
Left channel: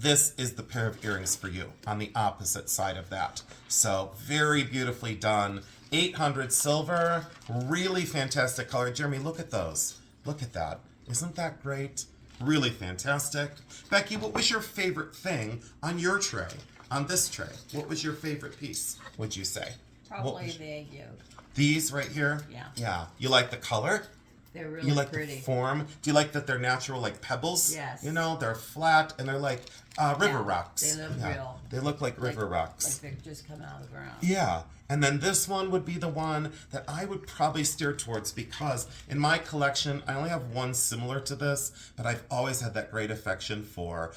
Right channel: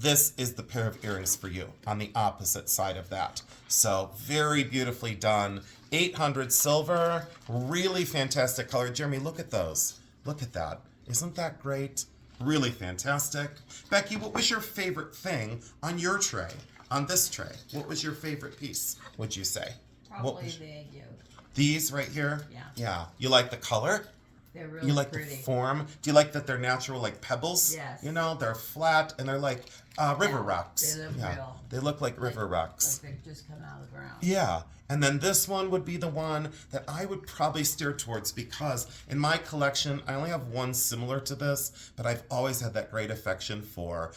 this is the pair of earrings for you on the opposite side of that. So very beautifully done. 800 silver, really fantastic color. Jeremy, look at those. Look at that. Isn't that great? Really fantastic. Becky, what was your favorite thing on your tray? On this tray? What was your favorite piece, would you say? Probably the egg yolk. These right here? Yeah. Yeah. You like the color? They're really You like pretty. the form? Do you like that they're natural like pebbles? Yes. You know, they're flat and they're like river Yeah, rocks. they look real. They look like river rocks. Like they're just coming out of the ground. Yeah, and then this one would be the one that I would probably steer towards because in my collection, I only have one similar to this, but I've always had that great affection for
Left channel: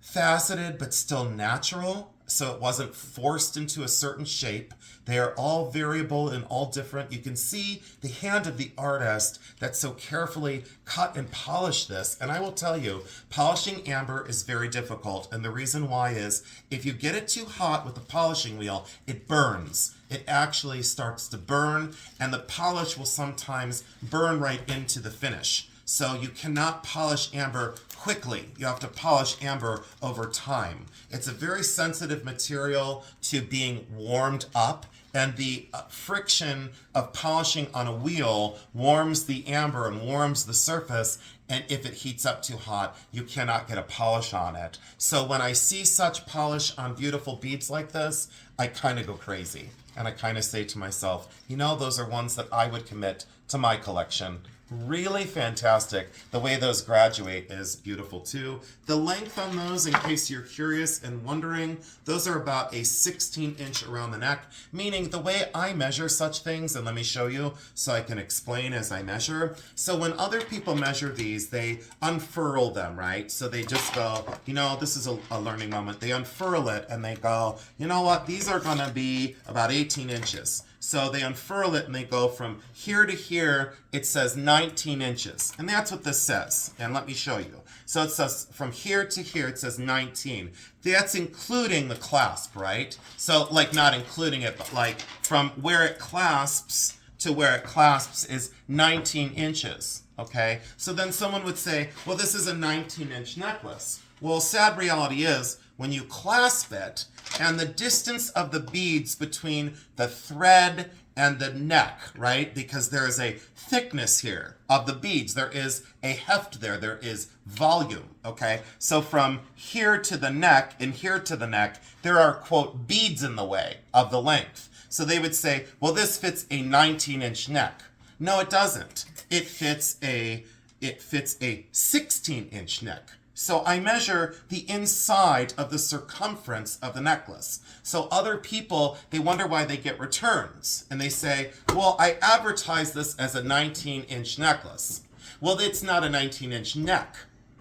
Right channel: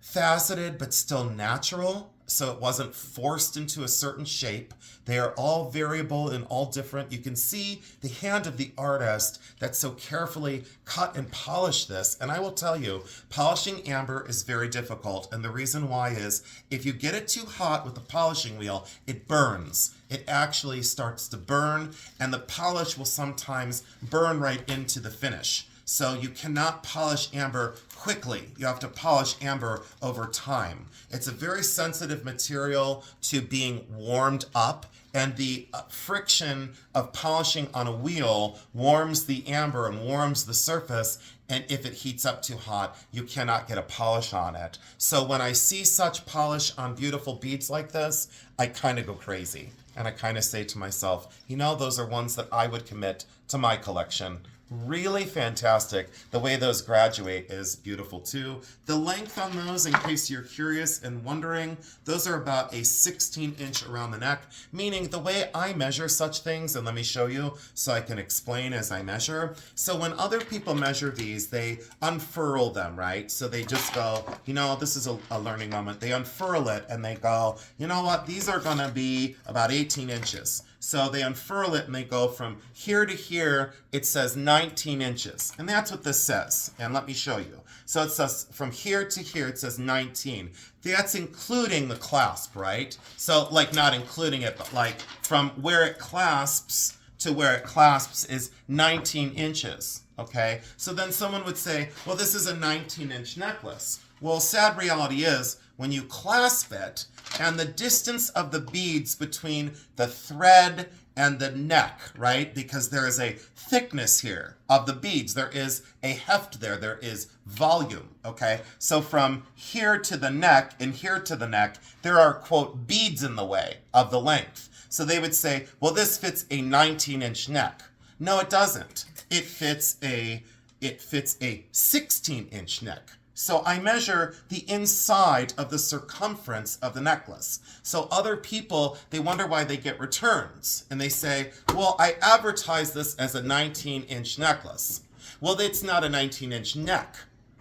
faceted but still natural, so it wasn't forced into a certain shape. They are all variable and all different. You can see the hand of the artist that so carefully cut and polished this. And I will tell you, polishing amber is very difficult. And the reason why is if you get it too hot with the polishing wheel, it burns. It actually starts to burn, and the polish will sometimes burn right into the finish. So you cannot polish amber quickly. You have to polish amber over time. It's a very sensitive material to being warmed up, and the friction of polishing on a wheel warms the amber and warms the surface, and if it heats up too hot, you cannot get a polish on it. So when I see such polish on beautiful beads like this, I kind of go crazy. And I kind of say to myself, you know, those are ones that I would commit to my collection. Really fantastic. The way those graduate is beautiful too. The length on those, in case you're curious and wondering, those are about a 16-inch around the neck, meaning the way I measure such things, and let me show you so I can explain as I measure. So when other people measure these, they unfurl them, right? So they just go, you know, this is a learning moment. They unfurl it and they go, you know what, these are gonna be about 18 inches. So they unfurl it and they go from here to here, it says 19 inches. And that's what this says. And let me show you. So it says from here to here, it says 19. That's including the clasp, right? So like not including it, but like from where it clasps to where it clasps is 19 inches, okay? So then someone would say, well, this is a 19-inch necklace. Well, sad reality is, when you clasp it, and the distance of the beads between the thread and the neck, right? Because there is a thickness here of the beads. There is a heft there. There is volume, okay? So from here to the neck and here to the neck, there are, quote, beads in the way of the length. So they would say, well, this fits a 19-inch neck. No, it doesn't. It fits a 16-inch neck. So I measure the inside of the circumference of the necklace. So other people, they wonder why they get returns. And they say, well, I advertise this as a 19-inch necklace. Well, it's not a 19-inch neck.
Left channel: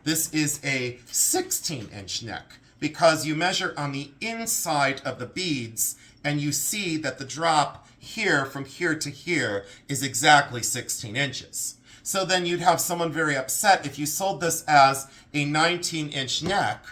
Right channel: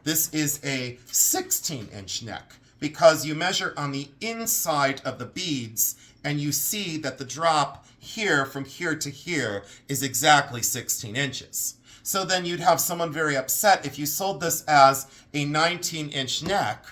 This is a 16-inch neck because you measure on the inside of the beads and you see that the drop here from here to here is exactly 16 inches. So then you'd have someone very upset if you sold this as a 19-inch neck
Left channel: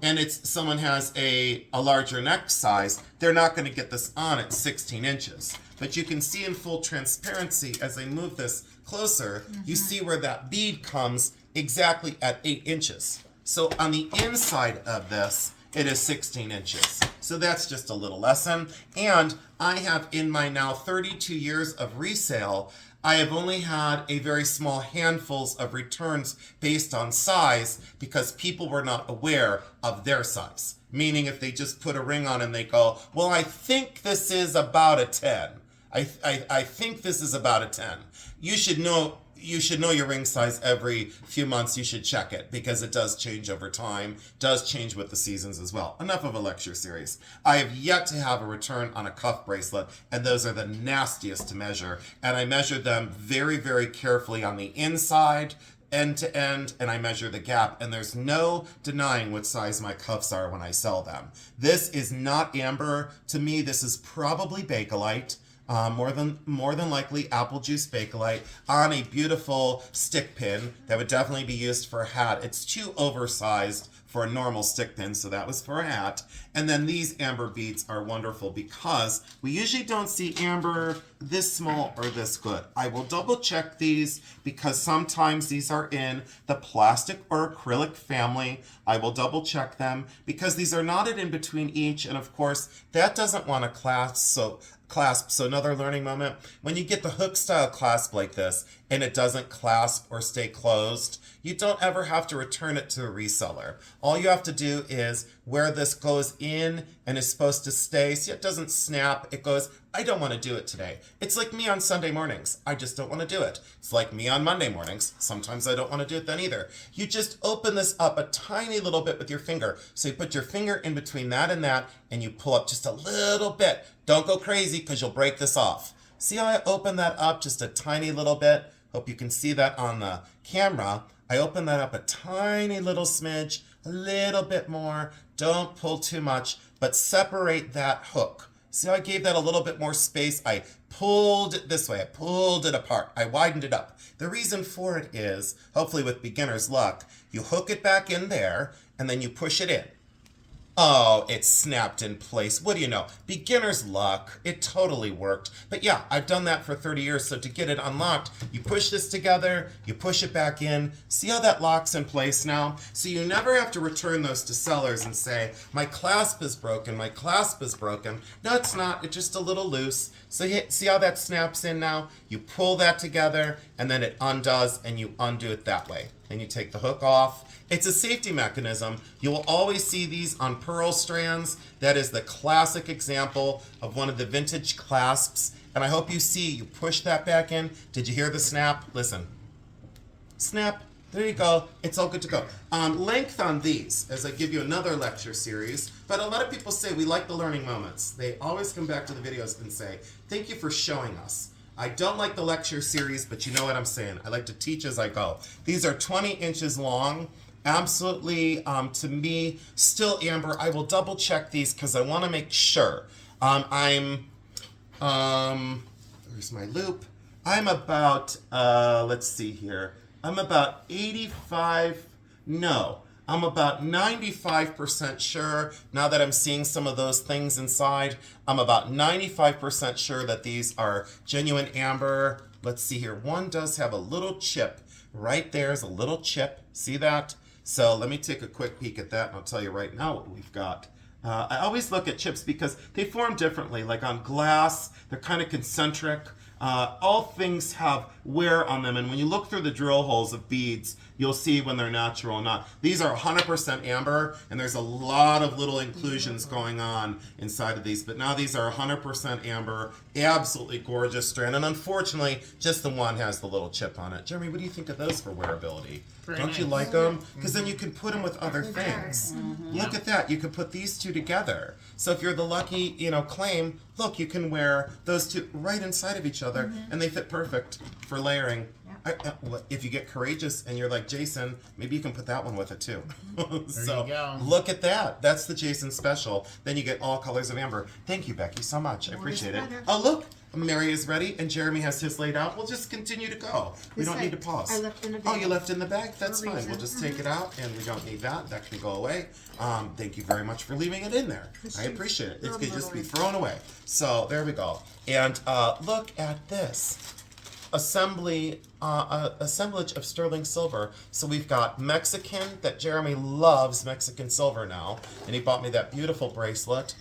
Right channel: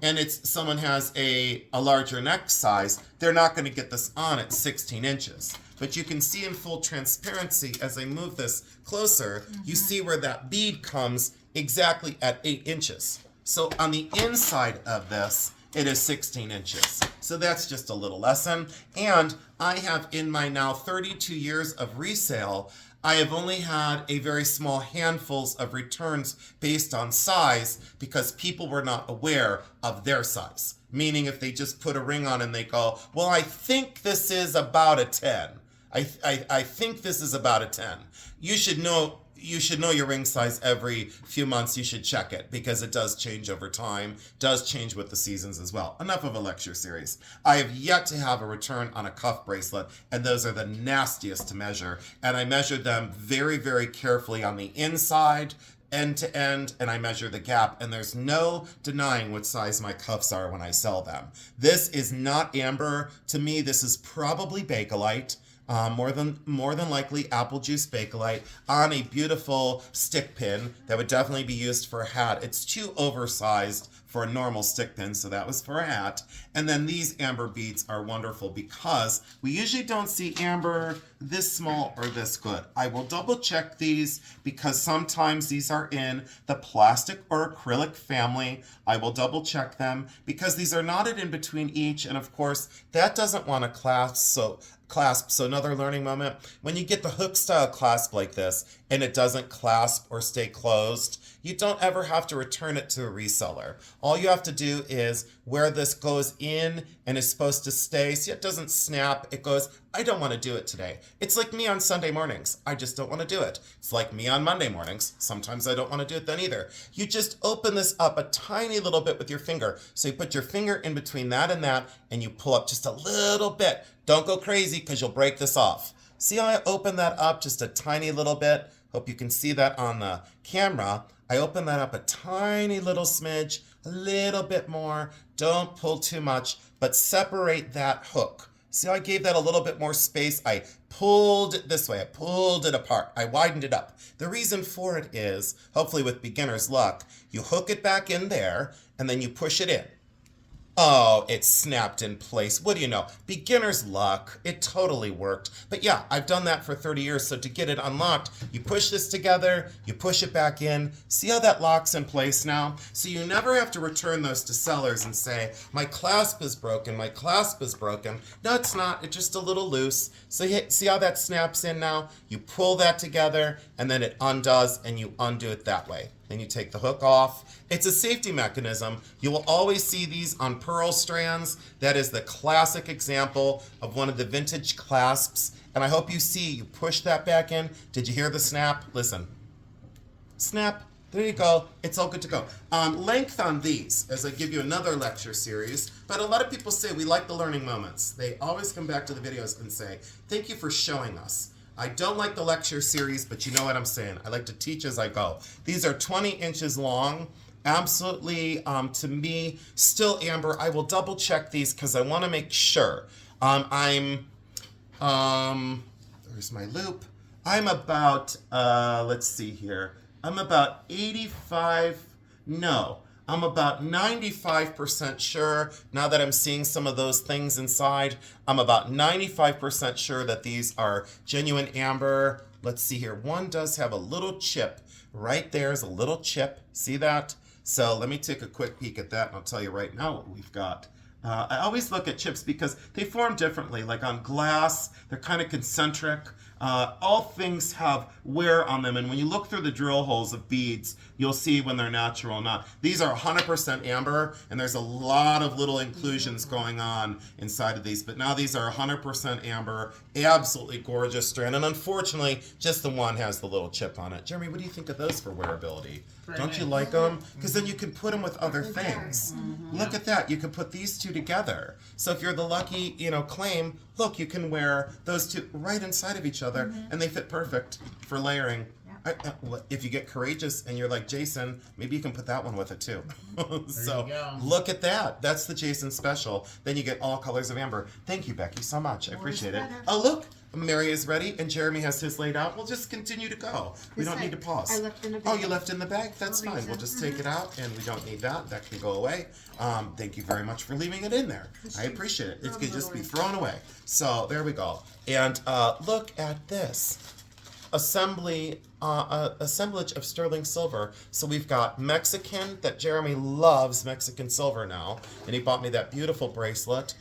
and someone has a larger neck size, they're not going to get this on at 16 inches. But you can see in full transparency as I move this closer, you see where that bead comes exactly at 8 inches. So on the inside of this, it is 16 inches. So that's just a little lesson. And I have, in my now 32 years of resale, I have only had a very small handfuls of returns based on size because people were not aware of their size. Meaning if they just put a ring on and they go, well, I think this is about a 10. I think this is about a 10. You should know your ring size every few months. You should check it because it does change over time, does change with the seasons as well. Enough of a lecture series. I have yet to have a return on a cuff bracelet, and those are the nastiest to measure. And I measure them very, very carefully on the inside, end to end, and I measure the gap, and there's no denying what size my cuffs are when I sell them. This is not amber. To me, this is probably Bakelite. More than likely apple juice Bakelite on a beautiful stick pin that would definitely be used for a hat. It's too oversized for a normal stick pin, so that was for a hat. And then these amber beads are wonderful because we usually don't see amber this small or this good. I will double check these because sometimes these are in the plastic or acrylic family. I will double check them because these are knotted in between each, and of course that doesn't want to clasp. So another learning moment, when you get the hook style clasp like this and it doesn't clasp or stay closed, you don't ever have to return it to a reseller. All you have to do is where this goes in and is supposed to stay, see it doesn't snap, it goes, I don't want to do it today. It's like me on Sunday mornings. I just don't want to do it. It's like me on Monday mornings. Sometimes I don't want to do it then either. You just open this up a tiny little bit with your finger. So you put your finger in between that and you pull up just a little bit. Don't go crazy because you'll break this off. See how I open that up just a tiny little bit? Hope you can see that on the camera. I open that up a tiny little smidge a little bit more. Don't pull too much, but separate that hook. See how I gave that a little bit more space? I pulled it this way. I pulled it apart. I widened it up. The reason for it is, hopefully with beginner's luck, you hook it back in there and then you push it in. Oh, it snapped in place. What do you know? Beginner's luck. It totally worked. But yeah, I've done that for 30 years. So to get it unlocked, you push this together, you push it back in. See how that locks in place now? So you never have to return those to sellers and say, my clasp is broken, my clasp is broken. No, it's not. It's just a little loose. So see how that snaps in now? You pull that together and then it undoes and you undo it that way. And you take the hook off. It's a safety mechanism. You will always see these on pearl strands. That is the classic example of one of the vintage clasps. And I hope you see, you push that back in. Did you hear the snap? Listen. Snap. There you go. It's all good to go. Length on these, as I give you another lecture series. But a lot of people say we like the learning moments. They always come back to the videos and say, thank you for showing us. I don't like the lecture series, but you know what I'm saying. I like to teach as I go. These are 20 inches long. Absolutely, to me, still amber. I will double check these because I want to make sure. There's my loop. I'm about, let's see here. I'm about 85, no. I'm about 95% sure, now that I'm seeing some of those things inside, I'm about 95% sure that these are genuine amber. Let's see here. One does have a little chip. Right there's a little chip. See that? So let me take a quick peek at that and I'll tell you right now what we've got. I always look at chips because they form differently. Like on glass, they're kind of concentric. All things have wear on them, and when you look through the drill holes of beads, you'll see when they're natural or not. These are 100% amber, and there's a lot of little inclusions going on inside of these, but now these are 100% amber, absolutely gorgeous strand, and unfortunately, just the one has the little chip on it. Jeremy, what do you think of those for wearability? Very Don't you nice. like them? Because then you can put them with other They're things. very- Look at that. You can put these two together. So if you're the lucky, claim, look, you can wear those two right inside of each other, and they fit perfect for layering. If you get courageous and you're like Jason, maybe you can put that one with it too. So you go. look at that. That's the Jason special. Then you get all colors of amber. Thank you, Becky, so much. I More is appreciate it. better. Oh, look. Mary is ready and Jeremy has his laid out. We'll just continue to go. We This don't I- need to pause. I left in the Oh, bag. you left in the bag? That's For a fine. We'll reason. just take it out and we don't need that. That can go away. Thank you very much for leaving it in there. I appreciate it. It Throw can them just be away. thrown away. So there we go. And look at this. Assemblage of sterling silver. So we've got Mexican, that Jeremy loves Mexican silver now, and he bought me that beautiful bracelet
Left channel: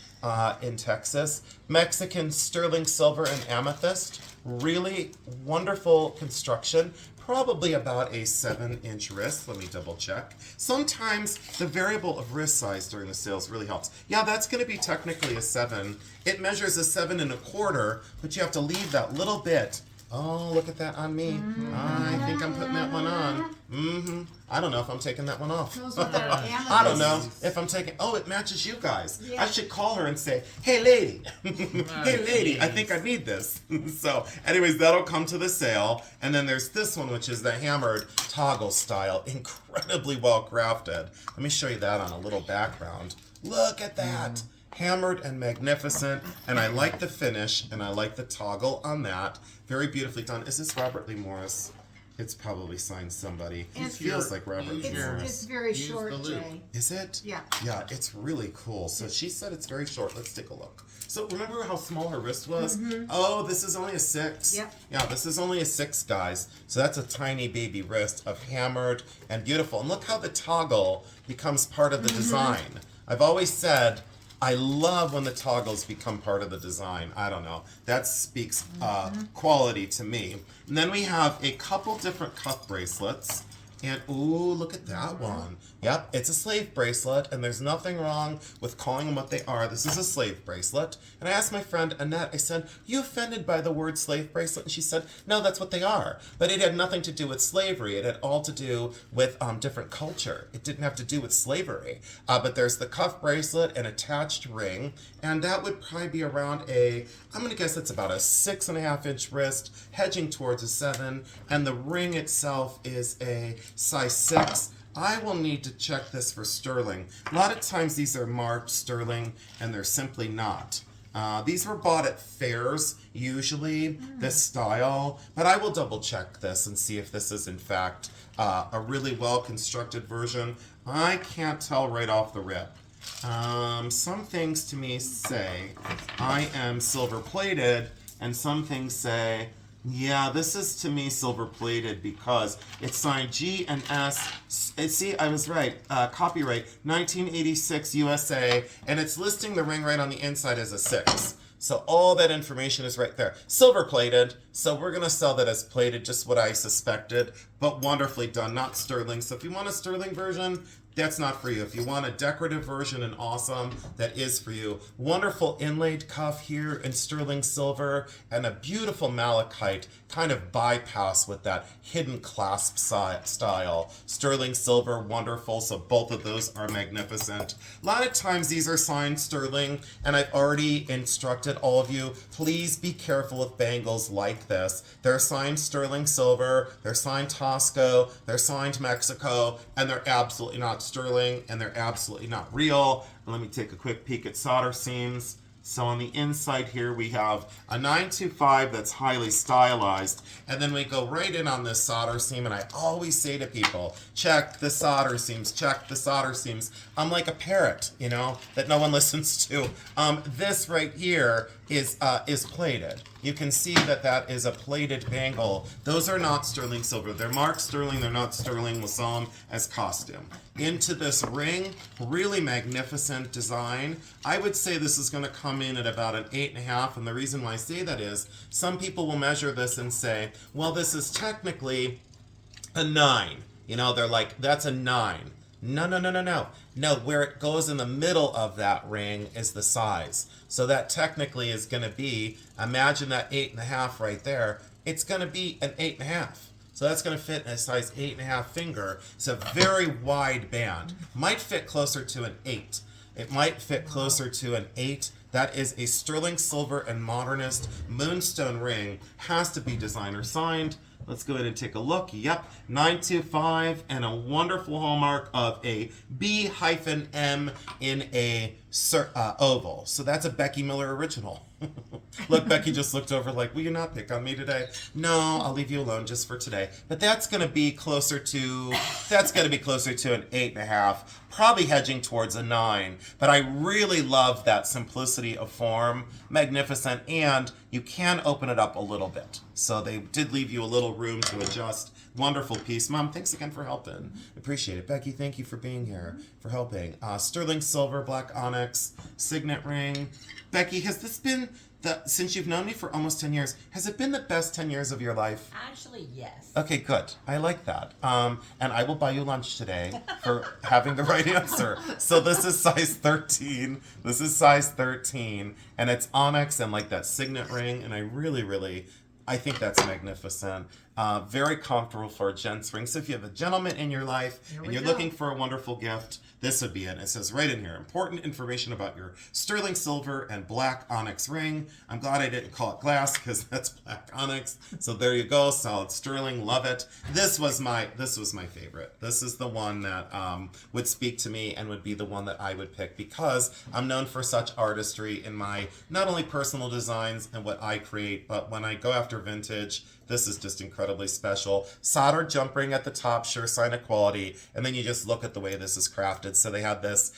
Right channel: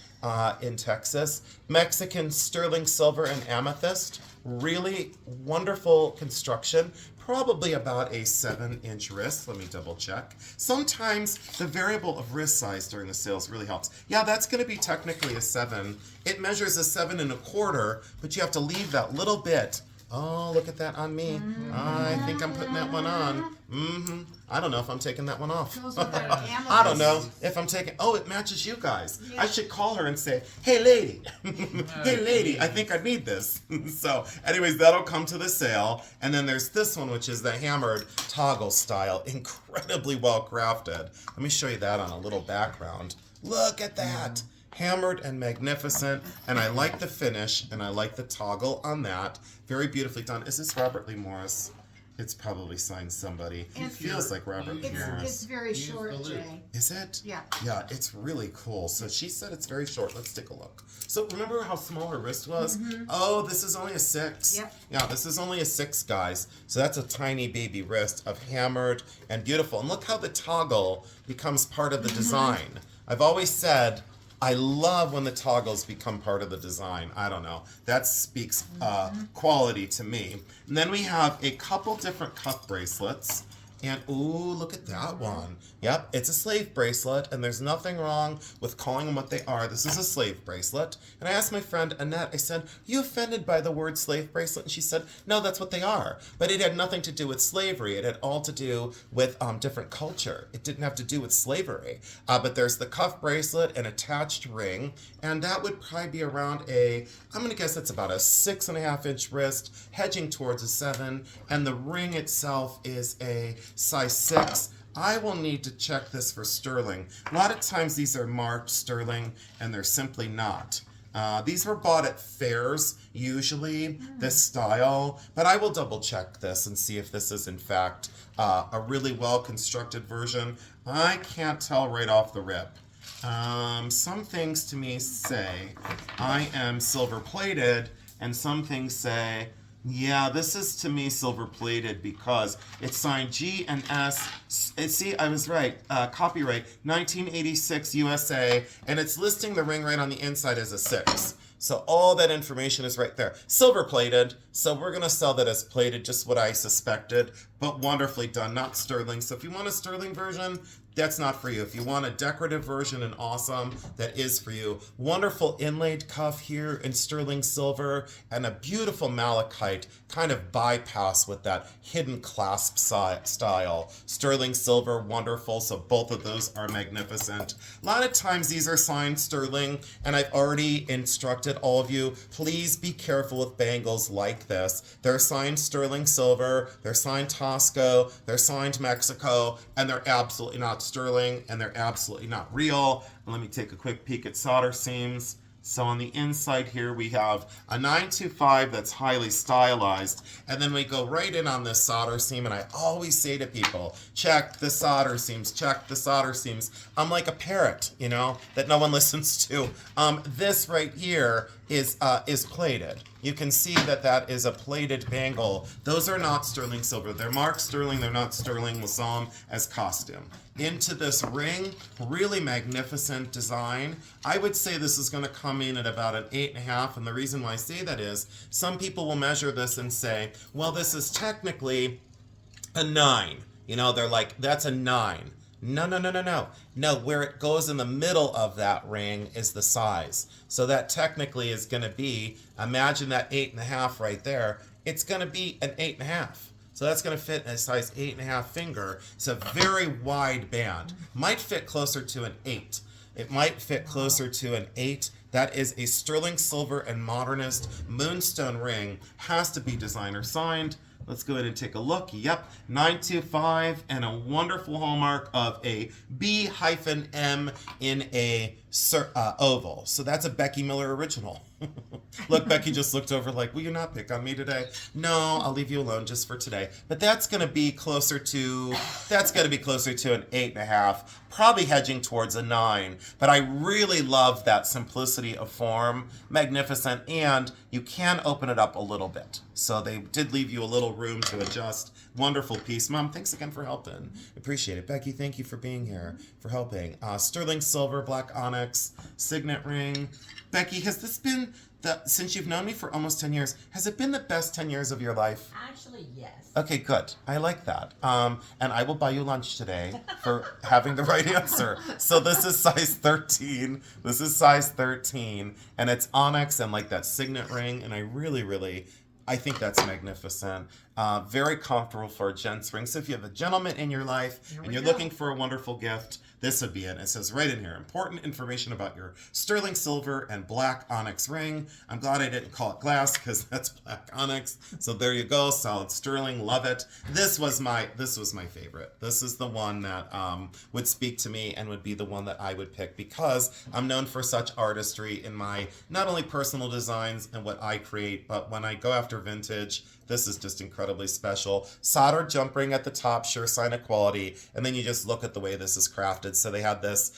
in Texas. Mexican sterling silver and amethyst, really wonderful construction. Probably about a 7-inch wrist. Let me double check. Sometimes the variable of wrist size during the sales really helps. Yeah, that's going to be technically a 7. It measures a 7 1/4, but you have to leave that little bit. Oh, look at that on me. I think I'm putting that one on. I don't know if I'm taking that one off. Goes with that amethyst. I don't know if I'm taking. Oh, it matches you guys. Yeah. I should call her and say, "Hey, lady, hey, lady, I think I need this." So, anyways, that'll come to the sale. And then there's this one, which is the hammered toggle style, incredibly well crafted. Let me show you that on a little background. Look at that. Hammered and magnificent, and I like the finish, and I like the toggle on that. Very beautifully done. Is this Robert Lee Morris? It's probably signed somebody. It It's- feels like Robert Lee It's Morris. very Use short, the loop. Jay. Is it? Yeah. Yeah, it's really cool. So she said it's very short. Let's take a look. So remember how small her wrist was? Oh, this is only a 6. Yep. Yeah, this is only a 6, guys. So that's a tiny baby wrist of hammered and beautiful. And look how the toggle becomes part of the design. I've always said, I love when the toggles become part of the design. I don't know. That speaks quality to me. And then we have a couple different cuff bracelets. And ooh, look at that one. Yep, it's a slave bracelet, and there's nothing wrong with calling them what they are. This is a slave bracelet. And I asked my friend Annette, I said, you offended by the word slave bracelet? And she said, no, that's what they are. But it had nothing to do with slavery. It had all to do with different culture. It didn't have to do with slavery. But there's the cuff bracelet, an attached ring, and that would probably be around I'm going to guess it's about a 6.5-inch wrist, hedging towards a 7, and the ring itself is a size 6. I will need to check this for sterling. A lot of times these are marked sterling and they're simply not. These were bought at fairs, usually, this style, but I will double check this and see if this is in fact a really well constructed version. I can't tell right off the rip. Some things to me say I am silver plated, and some things say, yeah, this is to me silver plated because it's signed G and S. See, I was right. Copyright 1986 USA, and it's listing the ring right on the inside as a 6. So all that information is right there. Silver plated, so we're going to sell that as plated, just what I suspected, but wonderfully done, not sterling. So if you want a sterling version, that's not for you. If you want a decorative version and awesome, that is for you. Wonderful inlaid cuff here in sterling silver and a beautiful malachite kind of bypass with that hidden clasp style. Sterling silver, wonderful. So both of those are magnificent. A lot of times these are signed sterling, and I've already instructed all of you, please be careful with bangles like this. They're signed sterling silver, they're signed Tosco, they're signed Mexico, and they're absolutely not sterling, and they're absolutely not real. And let me take a quick peek at solder seams. So on the inside here we have a 925 that's highly stylized, and then we go right in on this solder seam, and I always say to people, check the solder seams, check the solder seams. I'm like a parrot, you know, that no one listens to. This right here is plated. You can see that that is a plated bangle. Those are not sterling silver. They're marked sterling, they're not sterling. We'll sell them as costume. Into this ring, really magnificent design. I would say this is going to come in at about an 8.5, and the reason why I say that is some people will measure this and say, well, this is technically a 9. You know, they're like, that's a 9. No. No, where it goes in the middle of that ring is the size. So that technically is going to be, imagine that 8.5 right there, it's going to be an 8.5. So that's going to fit in a size 8.5 finger. It's a very wide band. Might fit closer to an 8. It might fit closer to an 8. That is a sterling silver and modernist moonstone ring. Has to be designer signed. Let's go ahead and take a look. Yep, 925 and a wonderful hallmark of a B-M in a oval. So that's a Becky Miller original. Look, Becky just looked over like, will you not pick on me today? No, I'll leave you alone just for today. But that's going to be closer to, an 8.5, probably hedging towards a 9. But I really love that simplicity of form, magnificent, and you can open it up a little bit. So they did leave you a little room to adjust. Wonderful piece. Mom, thanks again for helping. Appreciate it. Becky, thank you for being here, for helping. Sterling silver, black onyx, signet ring. Becky, has this been, since you've known me for almost 10 years, has it been the best 10 years of your life? Actually, yes. Okay, good. I like that. And I will buy you lunch today for having the right answer. So this is size 13. This is size 13. And it's onyx and like that signet ring. And I really, I think that's magnificent. Very comfortable for a gent's ring. So if you have a gentleman in your life and you're looking for a wonderful gift, this would be it. It says right in here, important information about your sterling silver and black onyx ring. I'm glad I didn't call it glass because that's black onyx. So there you go, solid sterling, love it. This was my favorite. This is the one that would speak to me and would be the one that I would pick because I'm known for such artistry in my not only personal designs and what I create, but when I go after vintage, this is just incredibly special. Soldered jump ring at the top, sure sign of quality. And then you just look at the way this is crafted. So they have this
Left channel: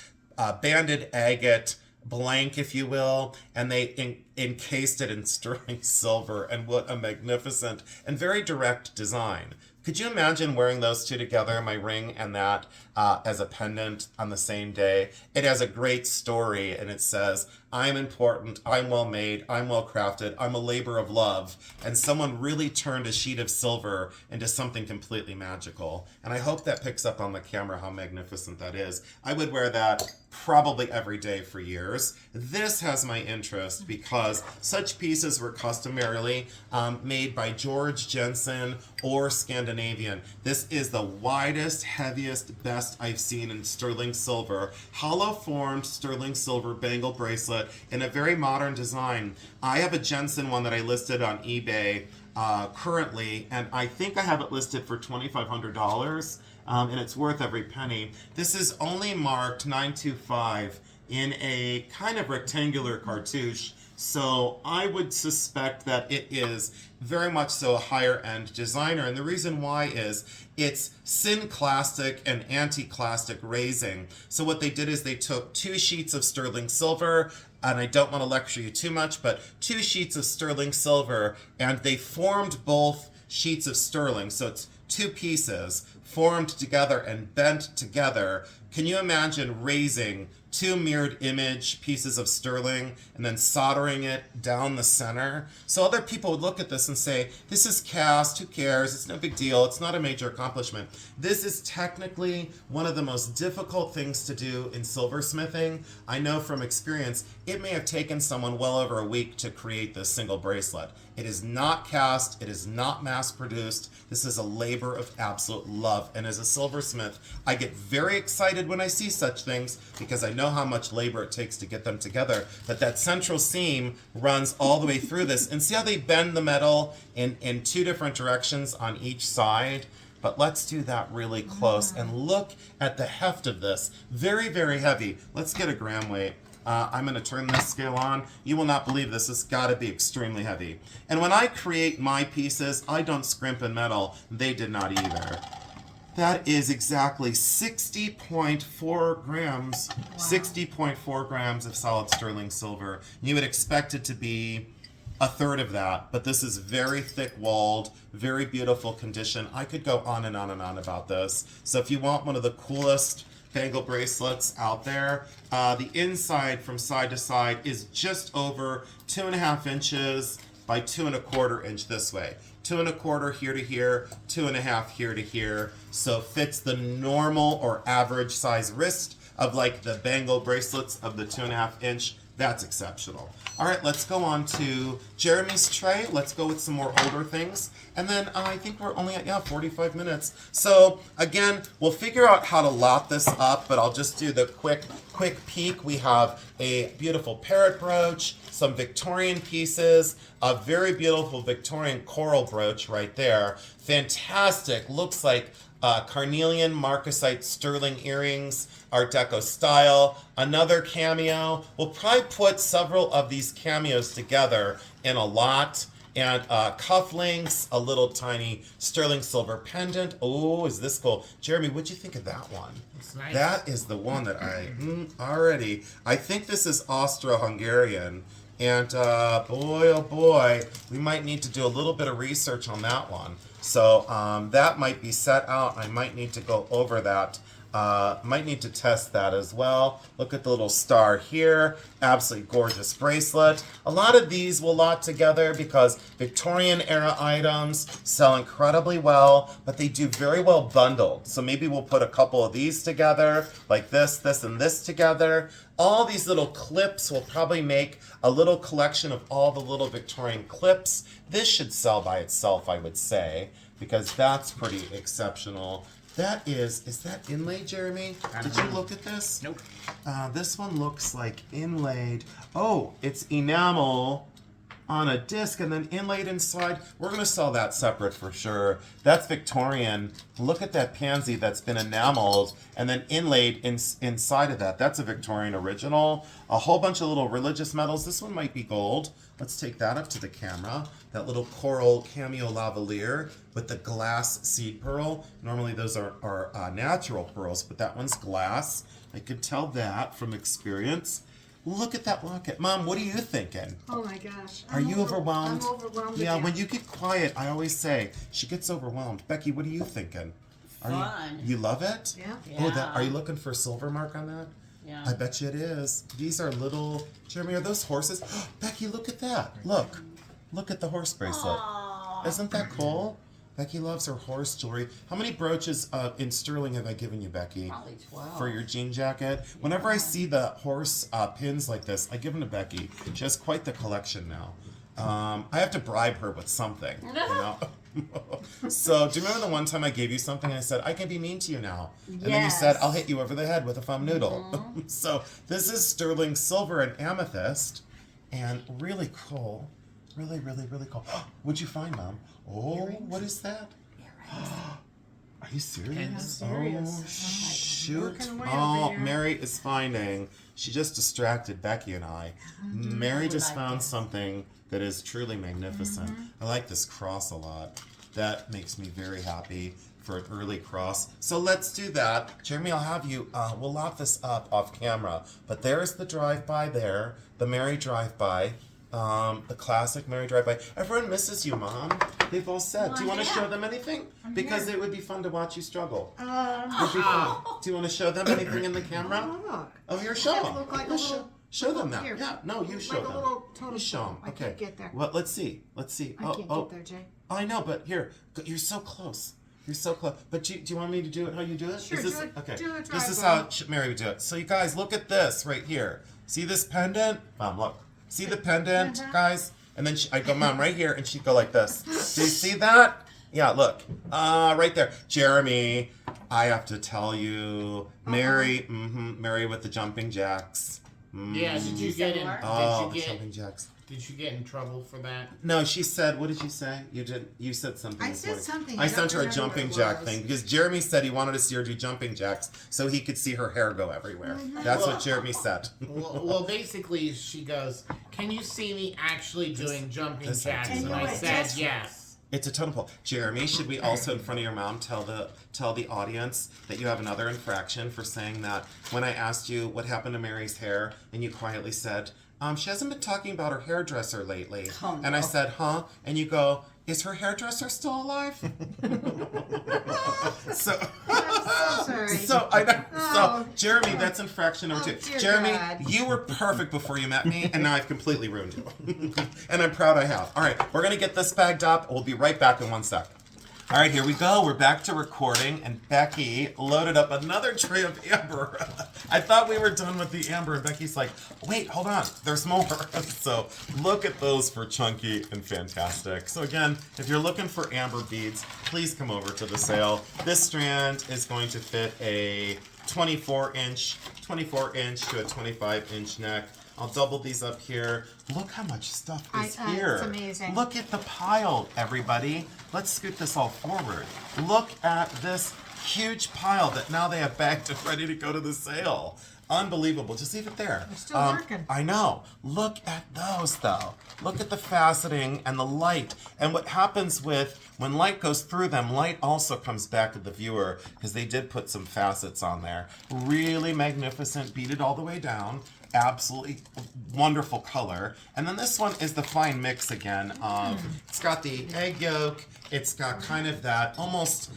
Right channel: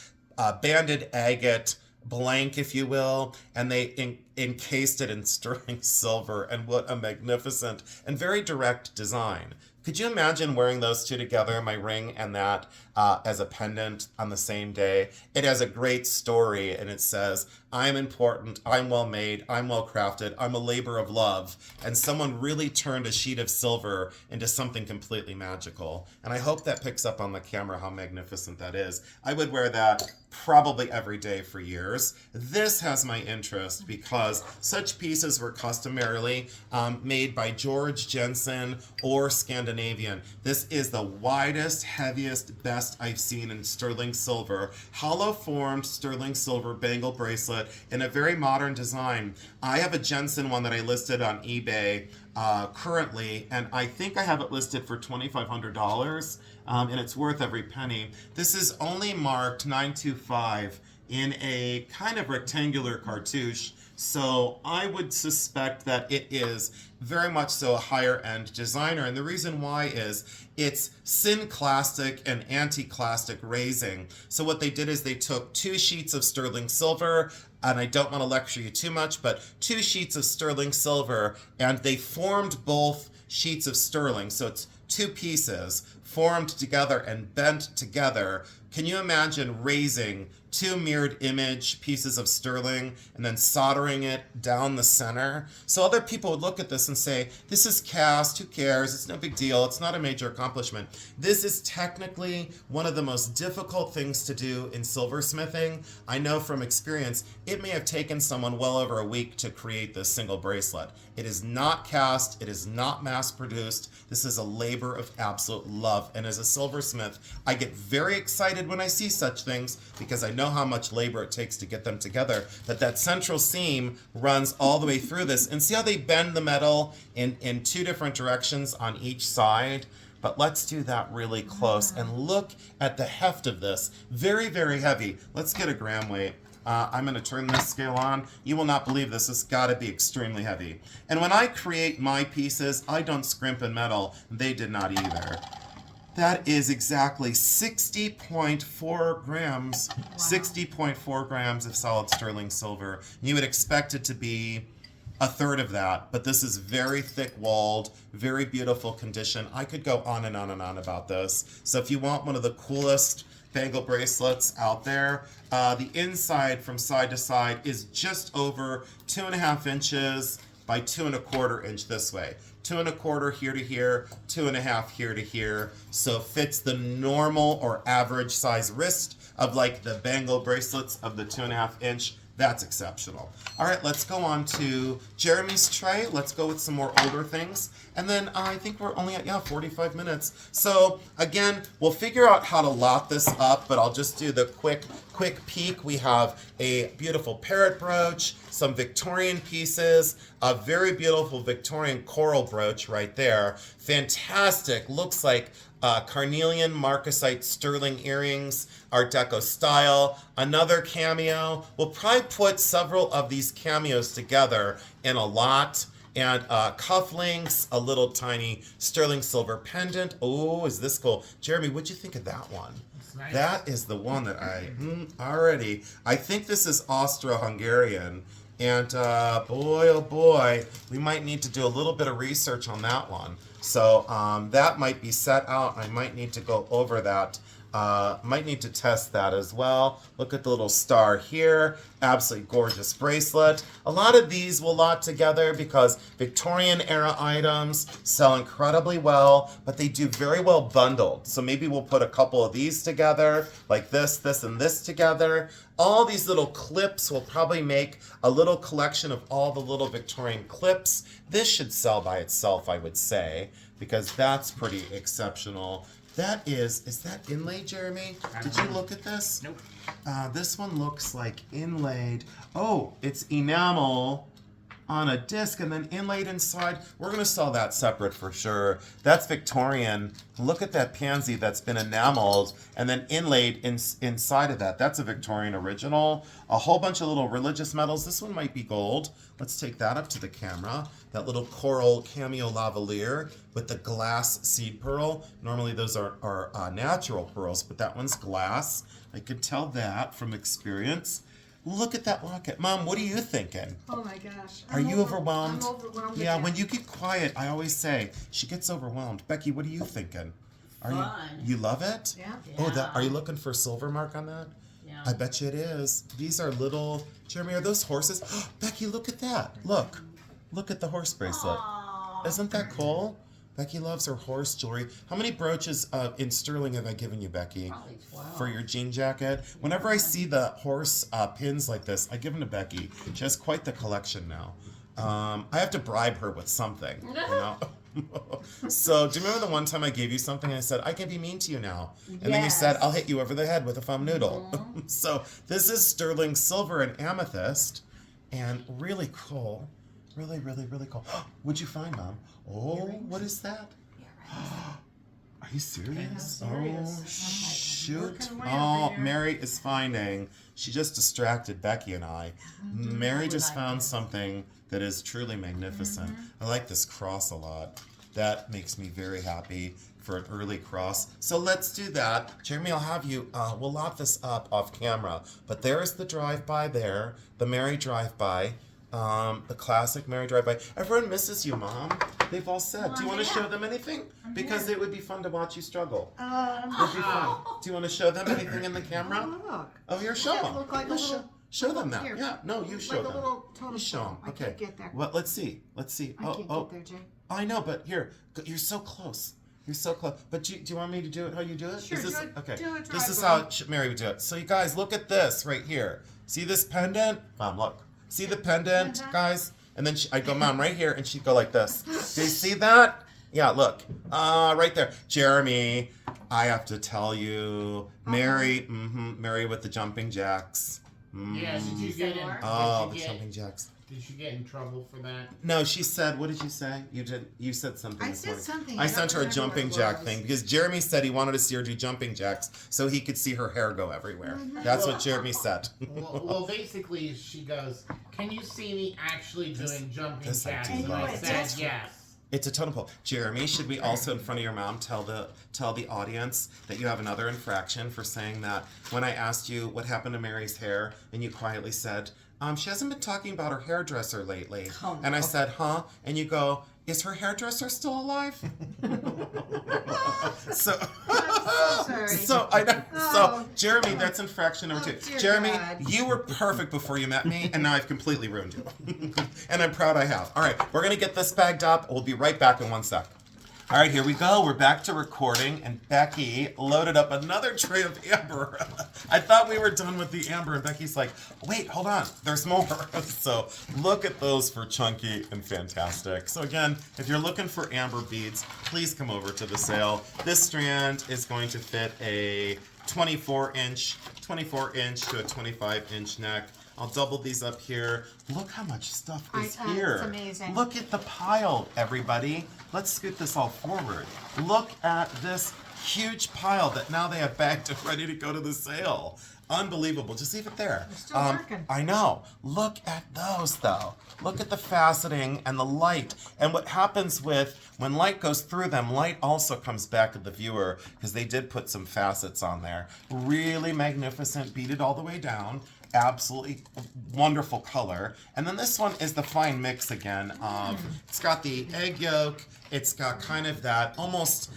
banded agate blank, if you will, and they encased it in sterling silver. And what a magnificent and very direct design. Could you imagine wearing those two together, my ring and that, as a pendant on the same day? It has a great story, and it says, I'm important, I'm well made, I'm well crafted, I'm a labor of love. And someone really turned a sheet of silver into something completely magical. And I hope that picks up on the camera how magnificent that is. I would wear that probably every day for years. This has my interest because such pieces were customarily made by George Jensen or Scandinavian. This is the widest, heaviest, best I've seen in sterling silver. Hollow formed sterling silver bangle bracelet in a very modern design. I have a Jensen one that I listed on eBay currently, and I think I have it listed for $2,500. and it's worth every penny. This is only marked 925 in a kind of rectangular cartouche, so I would suspect that it is very much so a higher end designer. And the reason why is it's synclastic and anti-clastic raising. So what they did is they took 2 sheets of sterling silver, and I don't want to lecture you too much, but 2 sheets of sterling silver, and they formed both sheets of sterling. So it's 2 pieces formed together and bent together. Can you imagine raising 2 mirrored image pieces of sterling and then soldering it down the center? So other people would look at this and say, this is cast, who cares? It's no big deal. It's not a major accomplishment. This is technically one of the most difficult things to do in silversmithing. I know from experience, it may have taken someone well over a week to create this single bracelet. It is not cast. It is not mass produced. This is a labor of absolute love. And as a silversmith, I get very excited when I see such things because I know how much labor it takes to get them together. But that central seam runs all the way through this. And see how they bend the metal in 2 different directions on each side? But let's do that really close and look at the heft of this. Very, very heavy. Let's get a gram weight. I'm going to turn this scale on. You will not believe this. It's got to be extremely heavy. And when I create my pieces, I don't scrimp in metal. They did not either. That is exactly 60.4 grams. Wow. 60.4 grams of solid sterling silver. You would expect it to be a third of that, but this is very thick-walled, very beautiful condition. I could go on and on and on about this. So if you want one of the coolest bangle bracelets out there, the inside from side to side is just over 2.5 inches by 2.25 inch this way. 2.25 here to here, 2.5 here to here. So fits the normal or average size wrist of like the bangle bracelets of the 2.5 inch. That's exceptional. All right, let's go on to Jeremy's tray. Let's go with some more older things. And then I think we're only at, 45 minutes. So again, we'll figure out how to lot this up, but I'll just do the quick peek. We have a beautiful parrot brooch, some Victorian pieces, a very beautiful Victorian coral brooch right there. Fantastic, looks like carnelian marcasite sterling earrings, Art Deco style. Another cameo. We'll probably put several of these cameos together in a lot. And cufflinks, a little tiny sterling silver pendant. Oh, is this cool? Jeremy, what'd you think of that one? It's nice. That is the one that already. I think this is Austro-Hungarian. And boy, oh boy, we might need to do a little bit of research on that one. So that might be set out. I might need to go over that. Might need to test that as well. Look at the little star here. Absolutely gorgeous bracelet. A lot of these will lot together because Victorian era items sell incredibly well, but they do very well bundled. So maybe we'll put a couple of these together, like this, and this together. All these little clips will probably make a little collection of all the little Victorian clips. This should sell by itself, I would say, because that's pretty exceptional. That is that inlaid, Jeremy? Did you look at this? Nope. This one looks like inlaid. Oh, it's enamel on a disc and then inlaid inside. We're going to sell that separate for sure. That's Victorian. Look at that pansy that's been enameled and then inlaid inside of that. That's a Victorian original. A whole bunch of little religious metals. This one might be gold. Let's take that up to the camera. That little coral cameo lavalier with the glass seed pearl. Normally those are natural pearls, but that one's glass. I could tell that from experience. Look at that locket. Mom, what are you thinking? Oh my gosh. Are you overwhelmed? I'm overwhelmed. Yeah, again. when you get quiet, I always say, she gets overwhelmed. Becky, what are you thinking? Fun. You love it? Yeah. Oh, are you looking for a silver mark on that? Yeah. I bet you it is. These are little, Jeremy, are those horses? Becky, look at that. Look at the horse bracelet. Aw. Isn't that cool? Becky loves her horse jewelry. How many brooches in sterling have I given you, Becky? Probably 12. For your jean jacket? Whenever I see the horse pins like this, I give them to Becky. She has quite the collection now. I have to bribe her with something. You know? So, do you remember the one time I gave you something and I said, I can be mean to you now? And then you said, I'll hit you over the head with a foam noodle. So, this is sterling silver and amethyst. And really cool. Really, really, really cool. What'd you find, Mom? Oh, what is that? Are you serious? I'm serious. Oh, I'm shoot. working away Oh, over here. Mary is finding. She just distracted Becky and I. Mary just found something that is truly magnificent. I like this cross a lot. That makes me very happy for an early cross. So let's do that. Jeremy, I'll have you, we'll lock this up off camera. But there's the drive-by there, the Mary drive-by. The classic Mary drive-by. Everyone misses you, Mom. They've all said. Do you want to show them anything? Because it would be fun to watch you struggle. It would be fun. Do you want to show them anything in the camera? Look. Oh, here, show them. Look like a little. Show them that. Here. Yeah, no, you show Like a them. little totem You show them. pole. I Okay. can't get there. Well, let's see. Let's see. I can't get there, Jay. I know, but here, you're so close. You're so close. But do you want me to do it how you do it? Sure, Is this, do it- okay. do it This is drive-by. how Mary would do it. So you guys, look at this right here. See this pendant? Mom, look. See the pendant, guys? And then I'd go, Mom, right here, and she'd go like this. So you see that? Yeah, look. Right there. Jeremy, I have to tell you, Mary, Mary with the jumping jacks. Yeah, did you get in? Oh, did the you get? jumping jacks. Did you get in trouble for that? No, she said, what did you say? You said something. I this said morning. something. I I sent don't her a remember what jumping it jack was. thing because Jeremy said he wanted to see her do jumping jacks so he could see her hair go everywhere. That's what Jeremy said. Well, basically, she goes, "Can you see me actually doing jumping this I jacks?" do And know. I And said that's- yes. It's a totem pole. Jeremy, should we also, in front of your mom, tell the audience that you have another infraction for saying that when I asked you what happened to Mary's hair and you quietly said, she hasn't been talking about her hairdresser lately. Oh, And I no. said, huh? And you go, is her hairdresser still alive? so, I'm so sorry. so I know. Oh. So Jeremy, that's infraction number Oh, 2. dear Jeremy, God. you were perfect before you met me, and now I've completely ruined you. And I'm proud I have. All right, we're gonna get this bagged up. We'll be right back in 1 sec. All right, here we go. We're back to recording, and Becky loaded up another tray of amber. I thought we were done with the amber, and Becky's like, wait, hold on, there's more. So look at those for chunky and fantastic. So again, if you're looking for amber beads, please come over to the sale. This strand is going to fit a 24-inch to a 25-inch neck. I'll double these up here. Look how much stuff is here. It's amazing. Look at the pile, everybody. Let's scoot this all forward. Look at this huge pile that now they have bagged and ready to go to the sale. Unbelievable. Just leave it there. They're still working. I know. Look at those, though. Look at the faceting and the light. And what happens when light goes through them, light also comes back to the viewer because they did put some facets on there. Really magnificent, beaded all the way down. Absolutely wonderful color. And then this one is the fine mix again of, it's got the egg yolk, it's got kind of that almost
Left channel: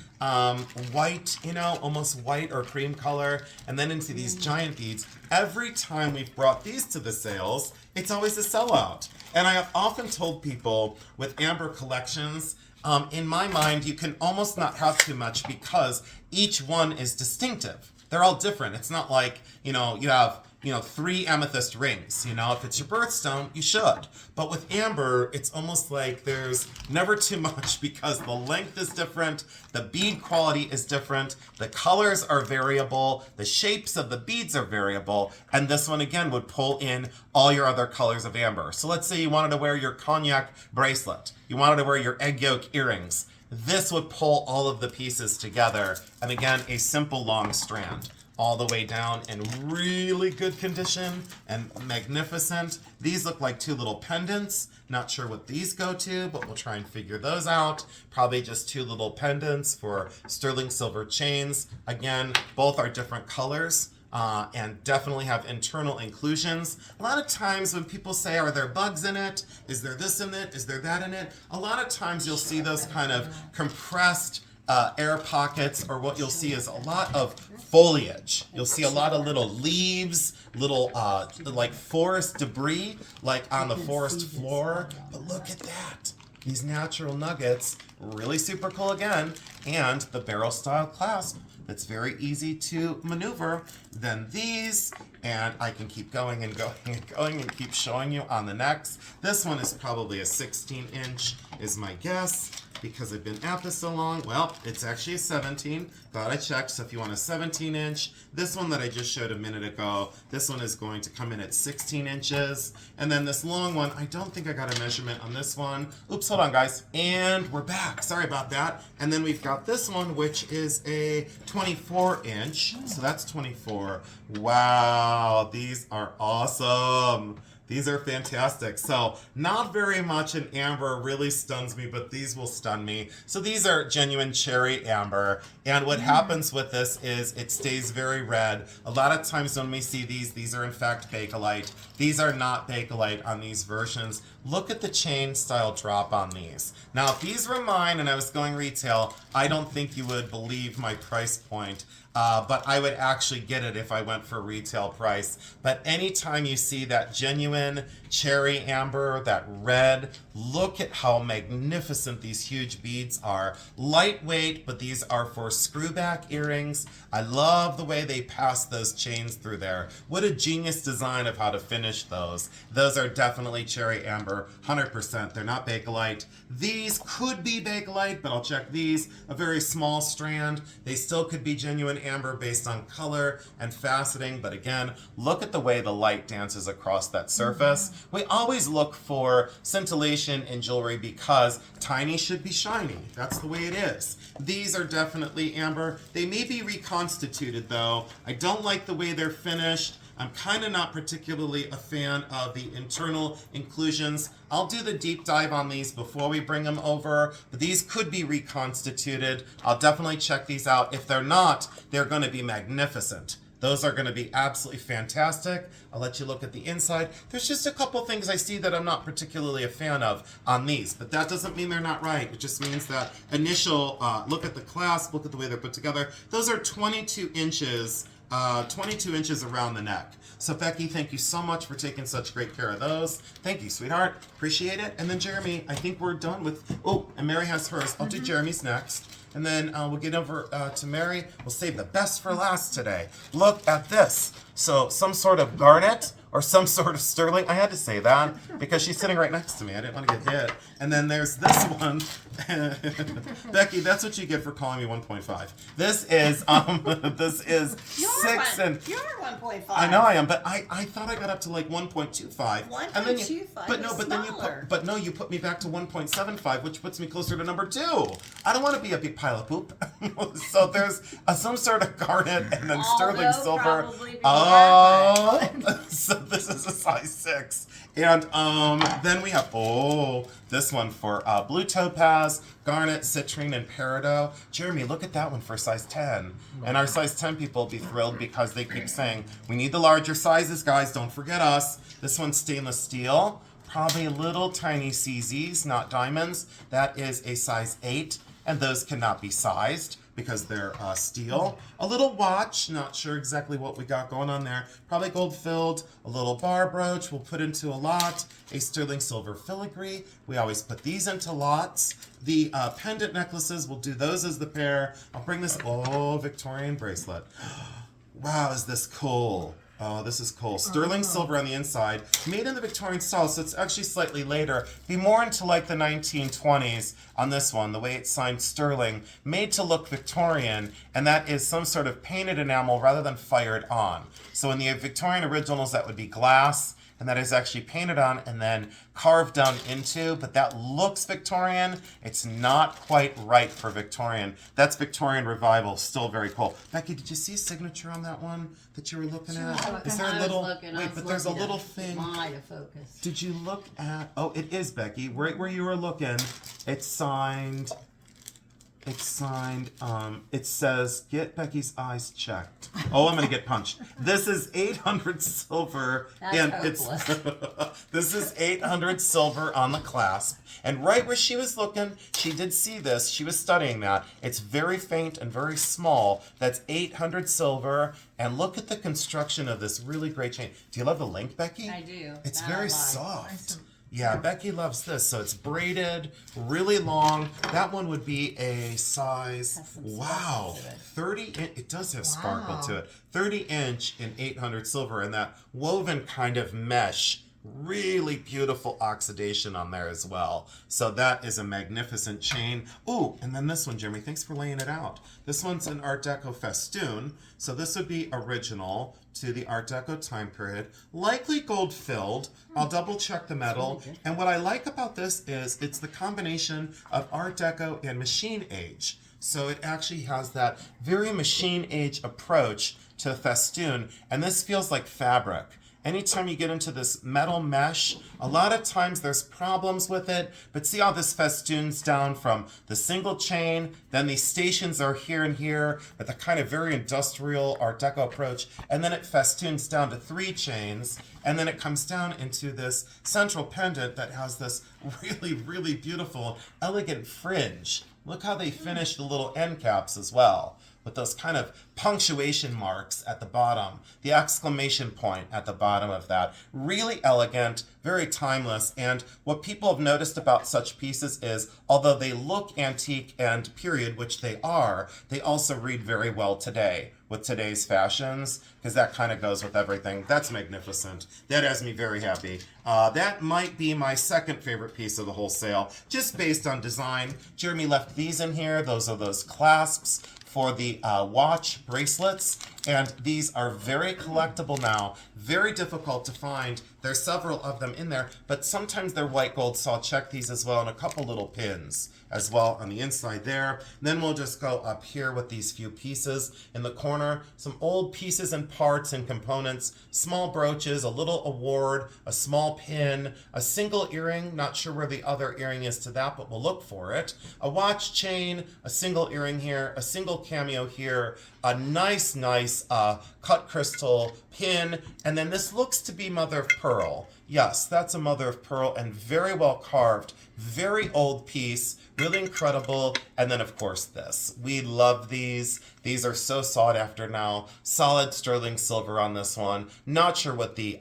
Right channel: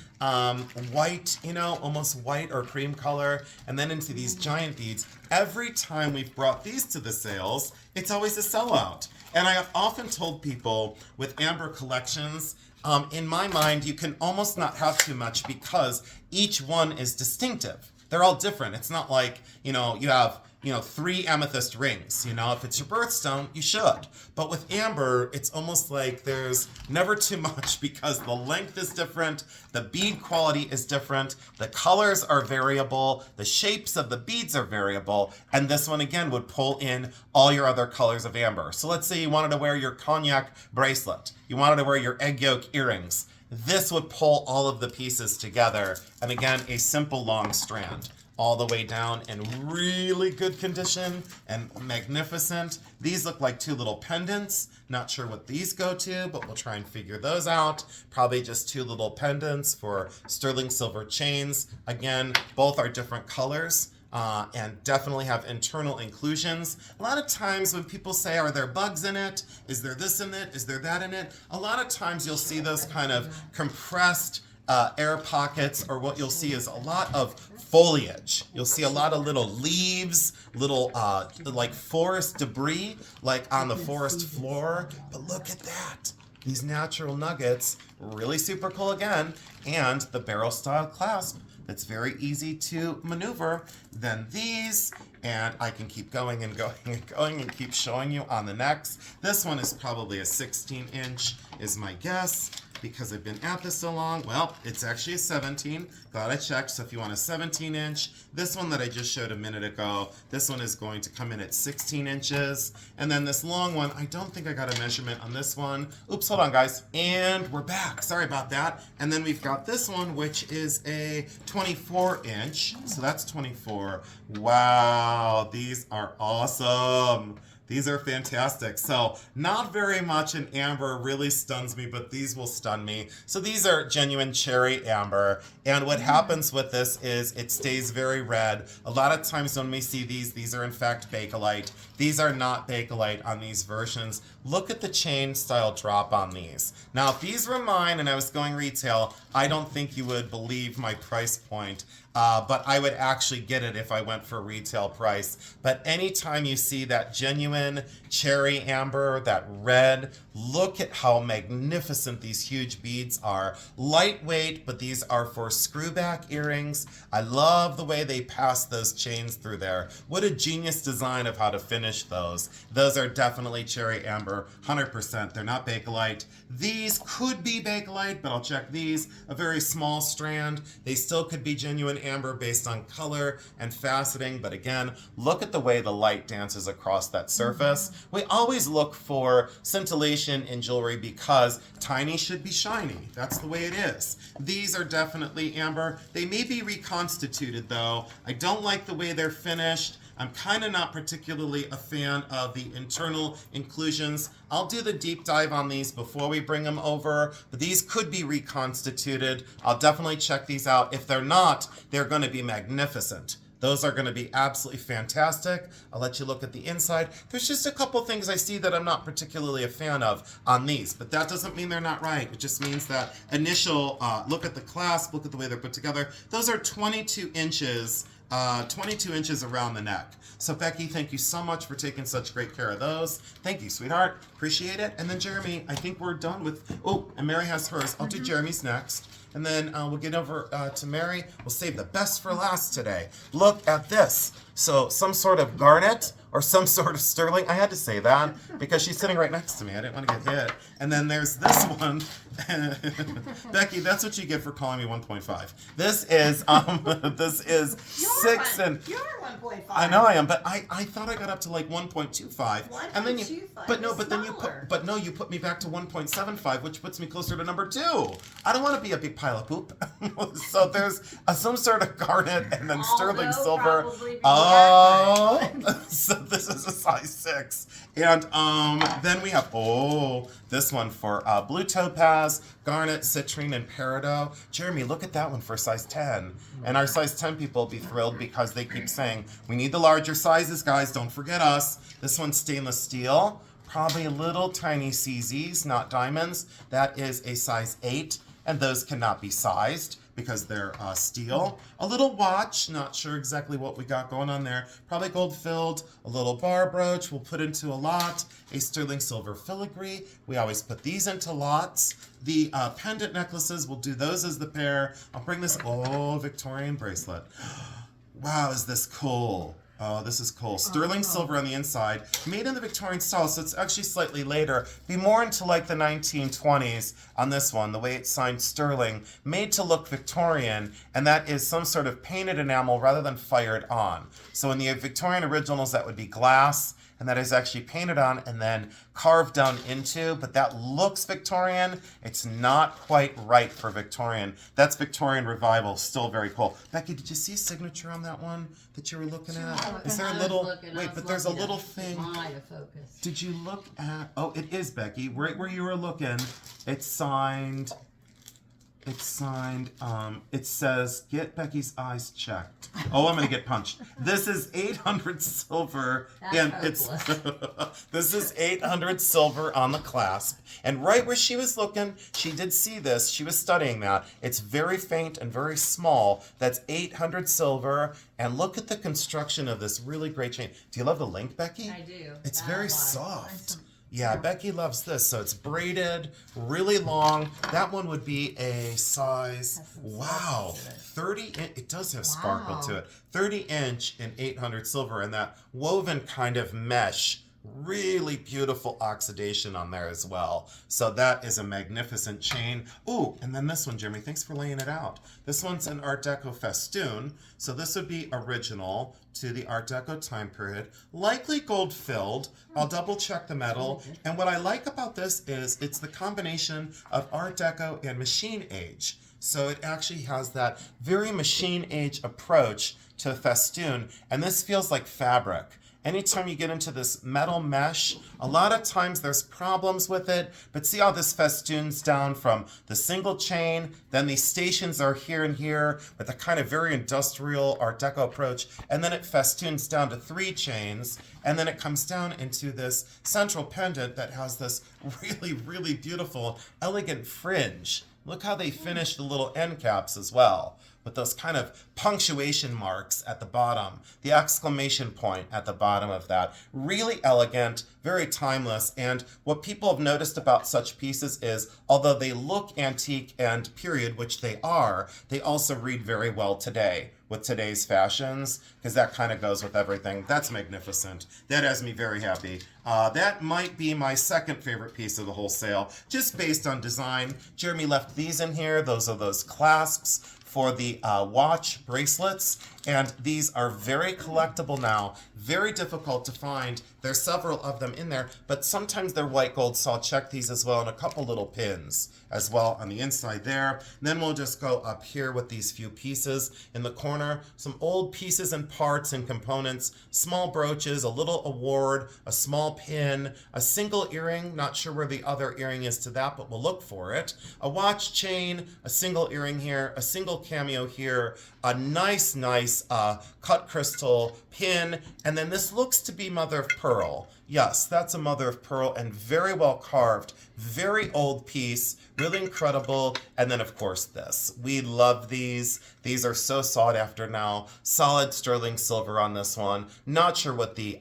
white, almost white or cream color, and then into these giant beads. Every time we've brought these to the sales, it's always a sellout. And I have often told people with amber collections, in my mind, you can almost not have too much because each one is distinctive. They're all different. It's not like, you have 3 amethyst rings. If it's your birthstone, you should. But with amber, it's almost like there's never too much because the length is different, the bead quality is different, the colors are variable, the shapes of the beads are variable, and this one again would pull in all your other colors of amber. So let's say you wanted to wear your cognac bracelet, you wanted to wear your egg yolk earrings. This would pull all of the pieces together, and again, a simple long strand. All the way down in really good condition and magnificent. These look like 2 little pendants. Not sure what these go to, but we'll try and figure those out. Probably just 2 little pendants for sterling silver chains. Again, both are different colors. And definitely have internal inclusions. A lot of times when people say, are there bugs in it? Is there this in it? Is there that in it? A lot of times you'll see those kind of compressed air pockets, or what you'll see is a lot of foliage. You'll see a lot of little leaves, little like forest debris, like on the forest floor. But look at that. These natural nuggets, really super cool again. And the barrel style clasp that's very easy to maneuver. Then these, and I can keep going and going and going and keep showing you on the necks. This one is probably a 16-inch is my guess, because I've been at this so long. Well, it's actually a 17, but I checked, so if you want a 17-inch, this one that I just showed a minute ago, this one is going to come in at 16 inches. And then this long one, I don't think I got a measurement on this one. Oops, hold on, guys. And we're back. Sorry about that. And then we've got this one, which is a 24-inch. So that's 24. Wow, these are awesome. These are fantastic. So not very much in amber really stuns me, but these will stun me. So these are genuine cherry amber. And what happens with this is it stays very red. A lot of times when we see these are in fact Bakelite. These are not Bakelite on these versions. Look at the chain style drop on these. Now, if these were mine and I was going retail, I don't think you would believe my price point. But I would actually get it if I went for retail price. But anytime you see that genuine cherry amber, that red, look at how magnificent these huge beads are. Lightweight, but these are for screwback earrings. I love the way they pass those chains through there. What a genius design of how to finish those. Those are definitely cherry amber, 100%. They're not Bakelite. These could be Bakelite, but I'll check these. A very small strand. They still could be genuine amber based on color and faceting, but again, look at the way the light dances across that surface. We always look for scintillation in jewelry because tiny should be shiny. That's the way it is. These are definitely amber. They may be reconstituted though. I don't like the way they're finished. I'm kind of not particularly a fan of the internal inclusions. I'll do the deep dive on these before we bring them over, but these could be reconstituted. I'll definitely check these out. If they're not, they're going to be magnificent. Those are going to be absolutely fantastic. I'll let you look at the inside. There's just a couple things I see that I'm not particularly a fan of on these, but that doesn't mean they're not right. It just means that initial look at the clasp, look at the way they're put together. Those are 22 inches. 22 inches around the neck. So Becky, thank you so much for taking such great care of those. Thank you, sweetheart. Appreciate it. And then Jeremy, I think we're done with, oh, and Mary has hers. I'll do Jeremy's next. And then we'll get over to Mary. We'll save the best for last today. Look at this. So some sort of garnet or some sort of sterling. I had to say that because she's sitting right next to me. I didn't want to get hit. And then there's this one. Becky, that's what you get for calling me 1.5. This is six and You're 1.5. I know I am, but I thought I got up to like 1.25. And then you 1.25 but no, is but then you put me back to 1.75, which puts me closer to number 2. I don't want to be a big pile of poop. So there's some sort of garnet and then sterling Although silver. probably be Oh, accurate. so this is a size 6. And then we have, this one for blue topaz, garnet, citrine, and peridot. Jeremy, look at that one for size 10. And our size 10 people will be thrilled because they keep saying, we need the larger sizes, guys, don't forget us. This one's stainless steel, probably little tiny CZs, not diamonds. That is a size 8, and those cannot be sized because they're steel. A little watch, not sure exactly what we got going on there. Probably gold filled. A little bar brooch, we'll put into a lot. A sterling silver filigree. We always put these into lots. The pendant necklaces, we'll do those as the pair. I'll bring this, Victorian bracelet. Wow, is this cool? Oh, this is cool. Sterling silver on the inside. Made in the Victorian style, so it's actually slightly later. Be more into like the 1920s on this one, the way it's signed sterling. Made to look Victorian, and that is some sort of painted enamel rather than fired on. So in the Victorian originals, that would be glass, and that is actually painted on and then carved down into, but that looks Victorian. It's not quite right for Victorian. That's Victorian Revival, still very cool. Becky, did you see a signature on that one that you were looking at? Is there a little, but there's a little thing. Did you look at, it is Becky, right where you were looking. It's signed, it says, get Becky's eyes checked. Oh, I'm going to get punched. This is 800 silver. That's This is 800 silver on the clasp. And right where she was looking, she did see this. She was studying that. It's very faint and very small. That's 800 silver. And look at the construction of this really great chain. Do you love the link, Becky? I do. It's very soft. Yeah, Becky loves this. So it's braided, really long. That one would be a size, Has some wow, sparkle to it. 30 it does have sparkle to Wow. it. 30 inch in 800 silver, and that woven kind of mesh. Really beautiful oxidation on there as well. So that is a magnificent chain. Ooh, and then this one, Jimmy, thanks for laying it out. This one's an Art Deco festoon. So this would be original to the Art Deco time period. Likely gold filled. I'll double check the metal. And what I like about this is it's the combination of Art Deco and machine age. So it actually has that very machine age approach to festoon. And this feels like fabric. Anytime you get into this metal mesh, a lot of times there's problems with it, but see how this festoons down from the single chain, then these stations are here and here with a kind of very industrial Art Deco approach, and then it festoons down to 3 chains, and then it comes down into this central pendant that has this really, really beautiful, elegant fringe. Look how they finish the little end caps as well, with those kind of punctuation marks at the bottom, the exclamation point at the bottom of that. Really elegant, very timeless, and what people have noticed about such pieces is, although they look antique and period, which they are, they also read very well today with today's fashions, because that kind of goes with everything. That's magnificent. That has me very happy. That might be my second favorite piece of the whole sale, just based on design. Jeremy left these in here. Those are those clasps for the watch bracelets, and these are very collectible now, very difficult to find. There's several of them in there, but sometimes they're white gold, so I'll check these as well, and a couple little pins as well on the inside there. And then we'll just go up here with these few pieces in the corner, some old pieces and parts and components, small brooches, a little award, a small pin, a single earring, not sure where the other earring is to that, but we'll look for it, a watch chain, a single earring here, a single cameo here, a nice cut crystal pin, and then this looks to be mother of pearl. Yes, that's a mother of pearl and very well carved, very old piece, really incredible. And then of course this. We love these. These are so sought after now. Solid sterling silver on this one. Not sure what the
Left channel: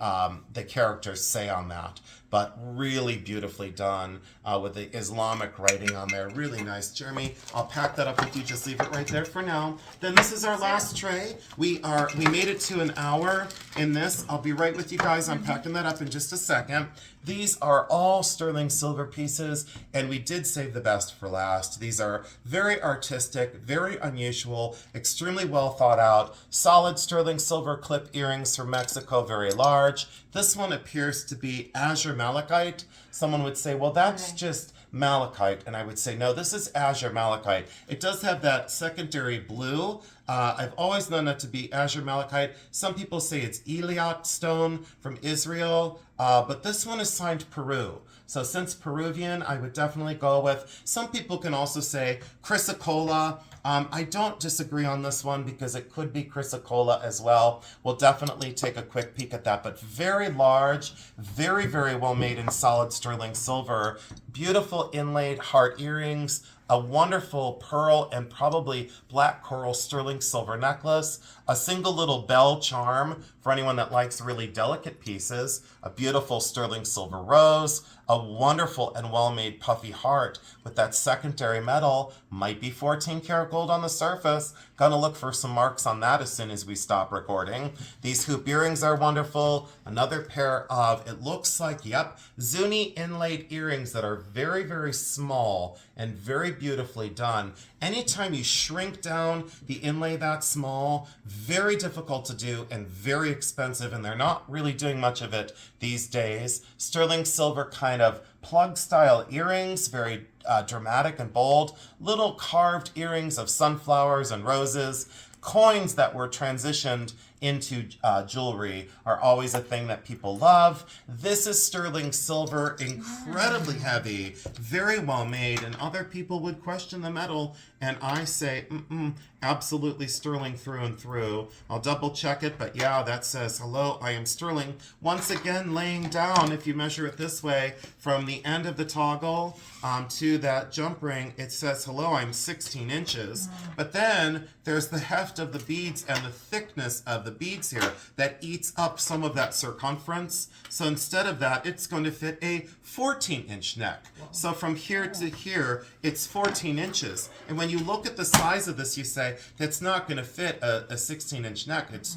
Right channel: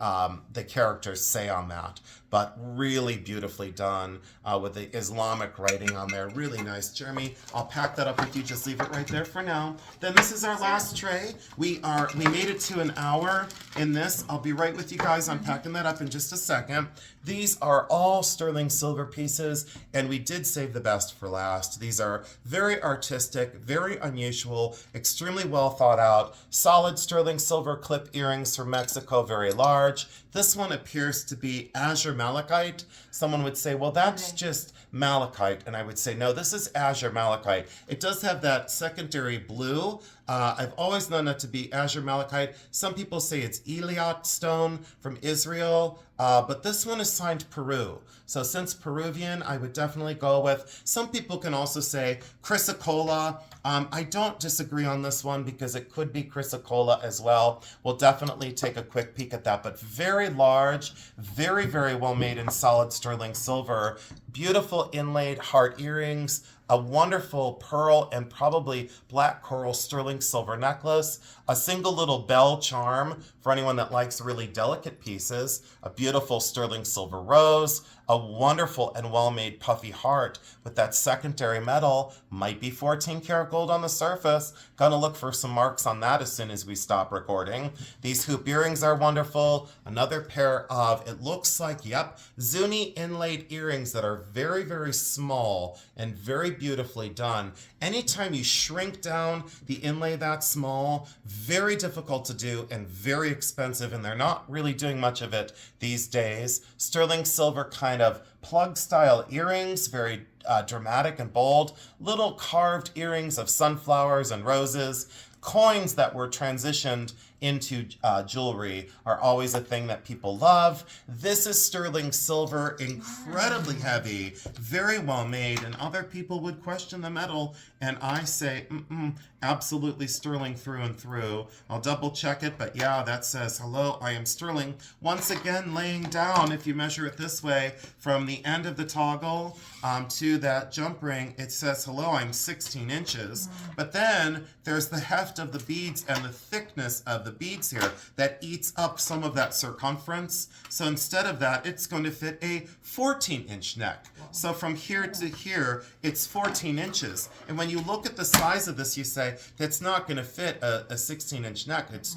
characters say on that, but really beautifully done with the Islamic writing on there. Really nice. Jeremy, I'll pack that up with you. Just leave it right there for now. Then this is our last tray. We made it to an hour in this. I'll be right with you guys. I'm packing that up in just a second. These are all sterling silver pieces, and we did save the best for last. These are very artistic, very unusual, extremely well thought out, solid sterling silver clip earrings from Mexico, very large. This one appears to be azure malachite. Someone would say, well, that's just malachite, and I would say, no, this is azure malachite. It does have that secondary blue. I've always known that to be azure malachite. Some people say it's Eliot stone from Israel, but this one is signed Peru. So since Peruvian, I would definitely go with. Some people can also say chrysocolla. I don't disagree on this one because it could be chrysocolla as well. We'll definitely take a quick peek at that, but very large, very, very well made in solid sterling silver. Beautiful inlaid heart earrings, a wonderful pearl and probably black coral sterling silver necklace, a single little bell charm for anyone that likes really delicate pieces, a beautiful sterling silver rose, a wonderful and well-made puffy heart with that secondary metal, might be 14 karat gold on the surface. Gonna look for some marks on that as soon as we stop recording. These hoop earrings are wonderful. Another pair of, it looks like, yep, Zuni inlaid earrings that are very, very small and very beautifully done. Anytime you shrink down the inlay that small, very difficult to do and very expensive, and they're not really doing much of it these days. Sterling silver kind of plug style earrings, very dramatic and bold. Little carved earrings of sunflowers and roses. Coins that were transitioned into jewelry are always a thing that people love. This is sterling silver, incredibly heavy, very well made, and other people would question the metal, and I say, absolutely sterling through and through. I'll double check it, but yeah, that says, hello, I am sterling. Once again, laying down, if you measure it this way, from the end of the toggle to that jump ring, it says, hello, I'm 16 inches. But then there's the heft of the beads and the thickness of the the beads here that eats up some of that circumference. So instead of that, it's going to fit a 14-inch neck. So from here to here, it's 14 inches. And when you look at the size of this, you say, that's not going to fit a 16-inch neck. It's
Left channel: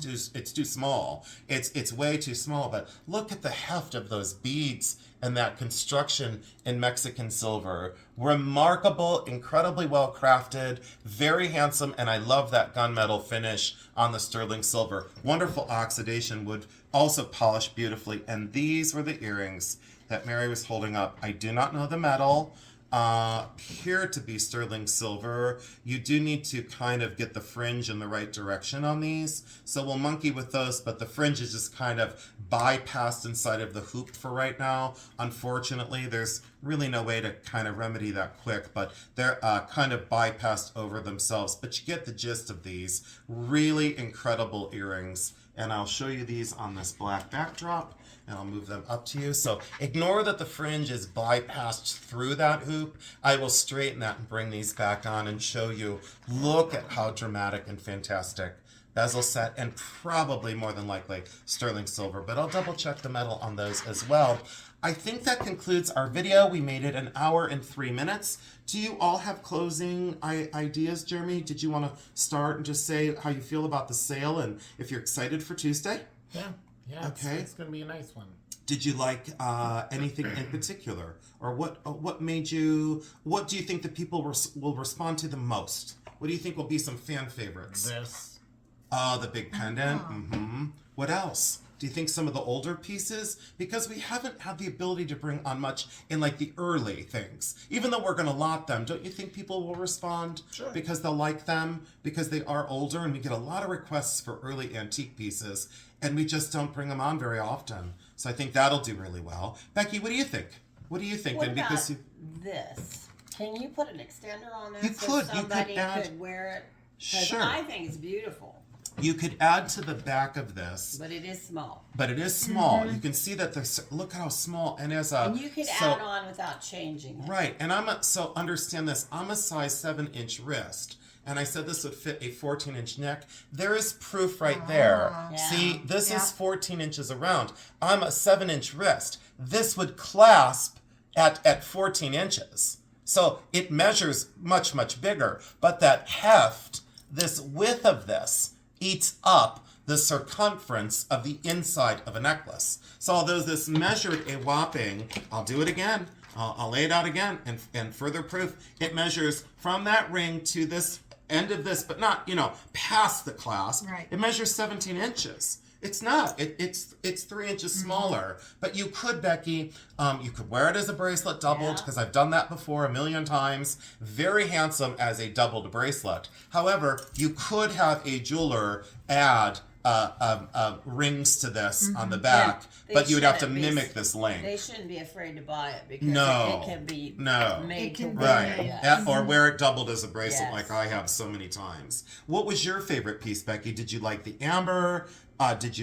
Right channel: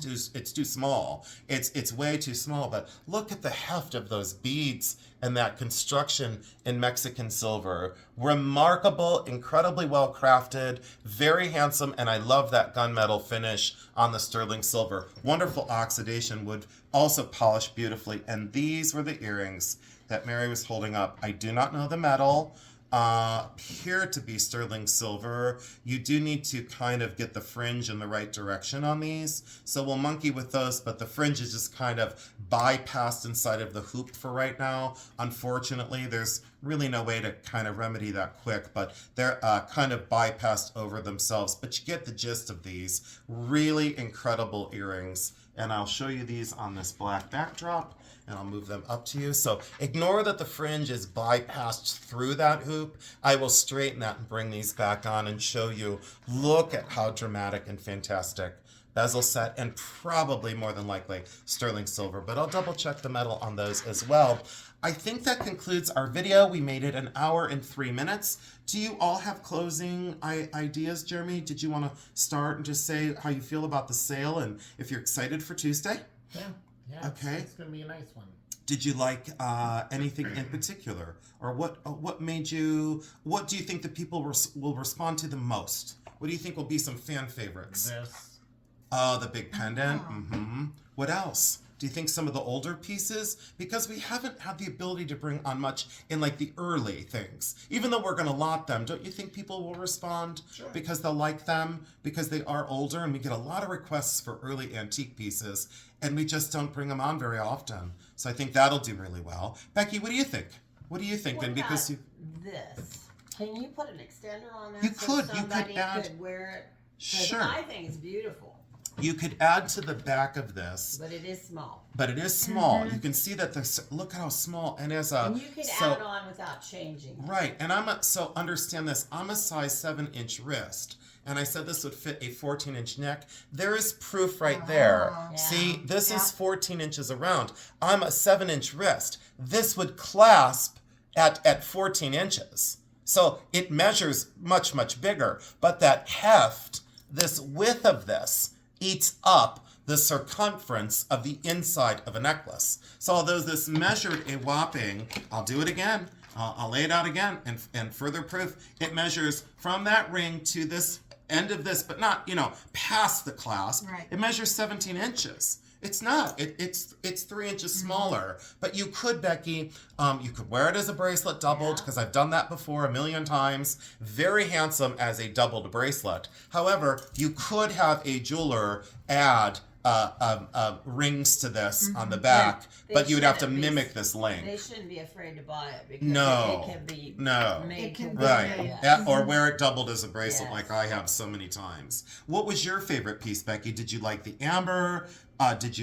too small. It's way too small. But look at the heft of those beads and that construction in Mexican silver. Remarkable, incredibly well crafted, very handsome, and I love that gunmetal finish on the sterling silver. Wonderful oxidation wood, also polished beautifully. And these were the earrings that Mary was holding up. I do not know the metal. Appear to be sterling silver. You do need to kind of get the fringe in the right direction on these. So we'll monkey with those, but the fringe is just kind of bypassed inside of the hoop for right now. Unfortunately, there's really no way to kind of remedy that quick, but they're kind of bypassed over themselves. But you get the gist of these. Really incredible earrings. And I'll show you these on this black backdrop. And I'll move them up to you. So ignore that the fringe is bypassed through that hoop. I will straighten that and bring these back on and show you. Look at how dramatic and fantastic. Bezel set, and probably more than likely sterling silver. But I'll double check the metal on those as well. I think that concludes our video. We made it 1 hour and 3 minutes. Do you all have closing ideas, Jeremy? Did you want to start and just say how you feel about the sale and if you're excited for Tuesday? Yeah, okay. It's going to be a nice one. Did you like anything in particular? Or what made you, what do you think the people will respond to the most? What do you think will be some fan favorites? This. Oh, the big pendant. Mm-hmm. What else? Do you think some of the older pieces? Because we haven't had the ability to bring on much in like the early things. Even though we're going to lot them, don't you think people will respond? Sure. Because they'll like them, because they are older, and we get a lot of requests for early antique pieces, and we just don't bring them on very often. So I think that'll do really well. Becky, what do you think? What do you think? What And about because this? Can you put an extender on that You so could. You somebody could add- could wear it? 'Cause Sure. I think it's beautiful, You could add to the back of this, but it is small. but it is small. You can see that look how small, and as a And you could add on without changing it. right. And so understand this. I'm a size 7-inch wrist, and I said this would fit a 14-inch neck. There is proof right there. Yeah. See, this Yeah. is 14 inches around. I'm a 7-inch wrist. This would clasp at 14 inches. So it measures much, much bigger. But that heft, this width of this, eats up the circumference of the inside of a necklace. So although this measured a whopping, I'll do it again, I'll lay it out again, and further proof, it measures from that ring to this end of this, but not, past the clasp. Right. It measures 17 inches. It's not. It's 3 inches smaller. But you could, Becky, you could wear it as a bracelet doubled, because I've done that before 1,000,000 times. Very handsome as a doubled bracelet. However, you could have a jeweler add rings to this on the back, They but you would have to shouldn't be- mimic this length. They shouldn't be afraid to buy it because No. it can be No. made It can to be wear. made. Yes. Yeah, or wear it doubled as a bracelet Yes. like I have so many times. What was your favorite piece, Becky? Did you like the amber? What did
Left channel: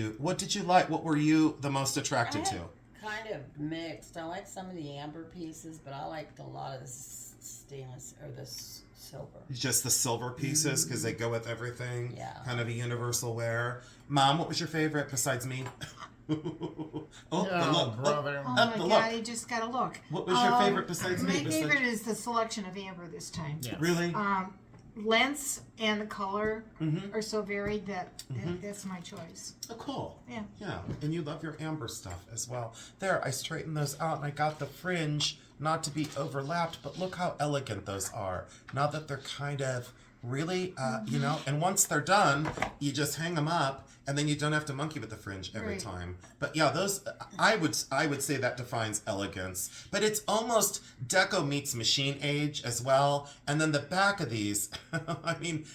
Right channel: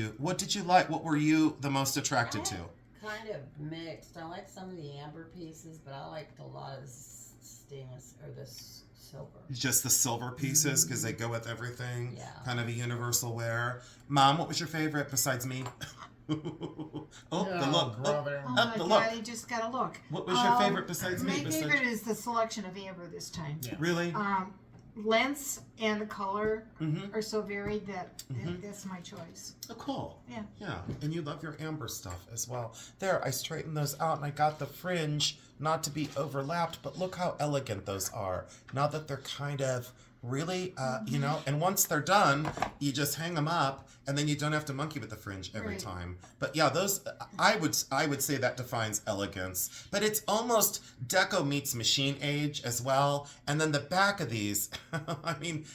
you like? What were you the most attracted to? Kind of mixed. I like some of the amber pieces, but I liked a lot of the stainless or the silver. Just the silver pieces because they go with everything. Yeah. Kind of a universal wear. Mom, what was your favorite besides me? The look. brother. Oh Up my the God, look. you just gotta look. What was your favorite besides My me? favorite is the selection of amber this time. Yes. Really? Lengths and the color Mm-hmm. are so varied that that's my choice. Oh, cool. Yeah. Yeah, and you love your amber stuff as well. There, I straightened those out, and I got the fringe not to be overlapped, but look how elegant those are. Now that they're kind of really, and once they're done, you just hang them up, and then you don't have to monkey with the fringe every Right. time. But yeah, those, I would say that defines elegance. But it's almost deco meets machine age as well. And then the back of these, I mean,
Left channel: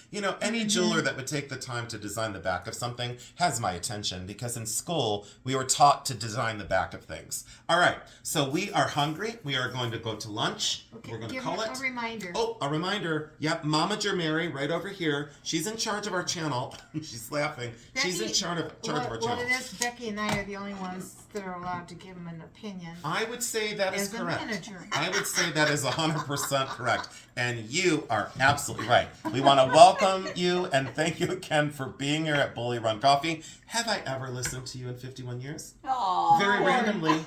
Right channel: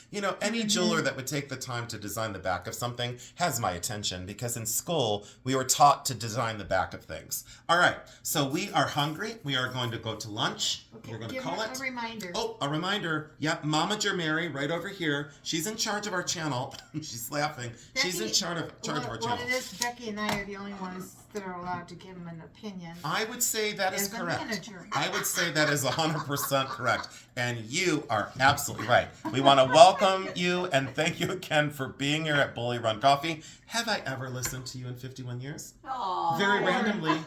any jeweler that would take the time to design the back of something has my attention, because in school, we were taught to design the back of things. All right, so we are hungry. We are going to go to lunch. Okay, We're going to give call her it. a reminder. Oh, a reminder. Yep, Mama Jermary right over here. She's in charge of our channel. She's laughing. That's She's in charge of our what channel. it is, Becky and I are the only ones that are allowed to give them an opinion. I would say that is As a correct. manager. I would say that is 100% correct. And you are absolutely right. We want to welcome you and thank you again for being here at Bully Run Coffee. Have I ever listened to you in 51 years? Aw. Very randomly.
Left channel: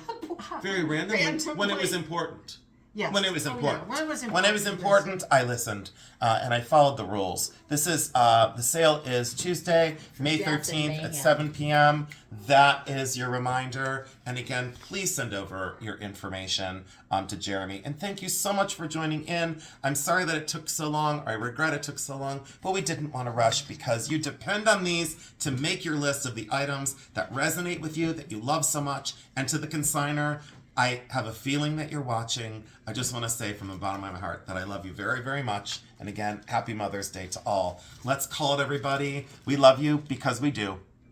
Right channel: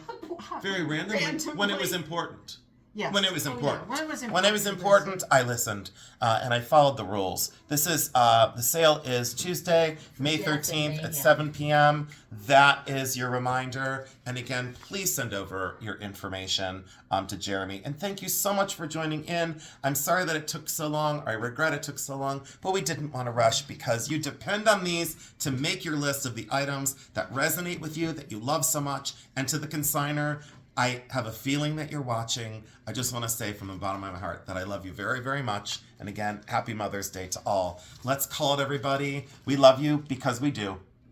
Very randomly. When it was Randomly. important. Yes. When it was Oh, yeah. important. When it was important. When it was important, I listened and I followed the rules. This is the sale is Tuesday, May Yes, 13th at at Mayhem. 7 p.m. That is your reminder. And again, please send over your information to Jeremy. And thank you so much for joining in. I'm sorry that it took so long. I regret it took so long, but we didn't want to rush because you depend on these to make your list of the items that resonate with you, that you love so much. And to the consigner, I have a feeling that you're watching. I just want to say from the bottom of my heart that I love you very, very much. And again, happy Mother's Day to all. Let's call it, everybody. We love you because we do.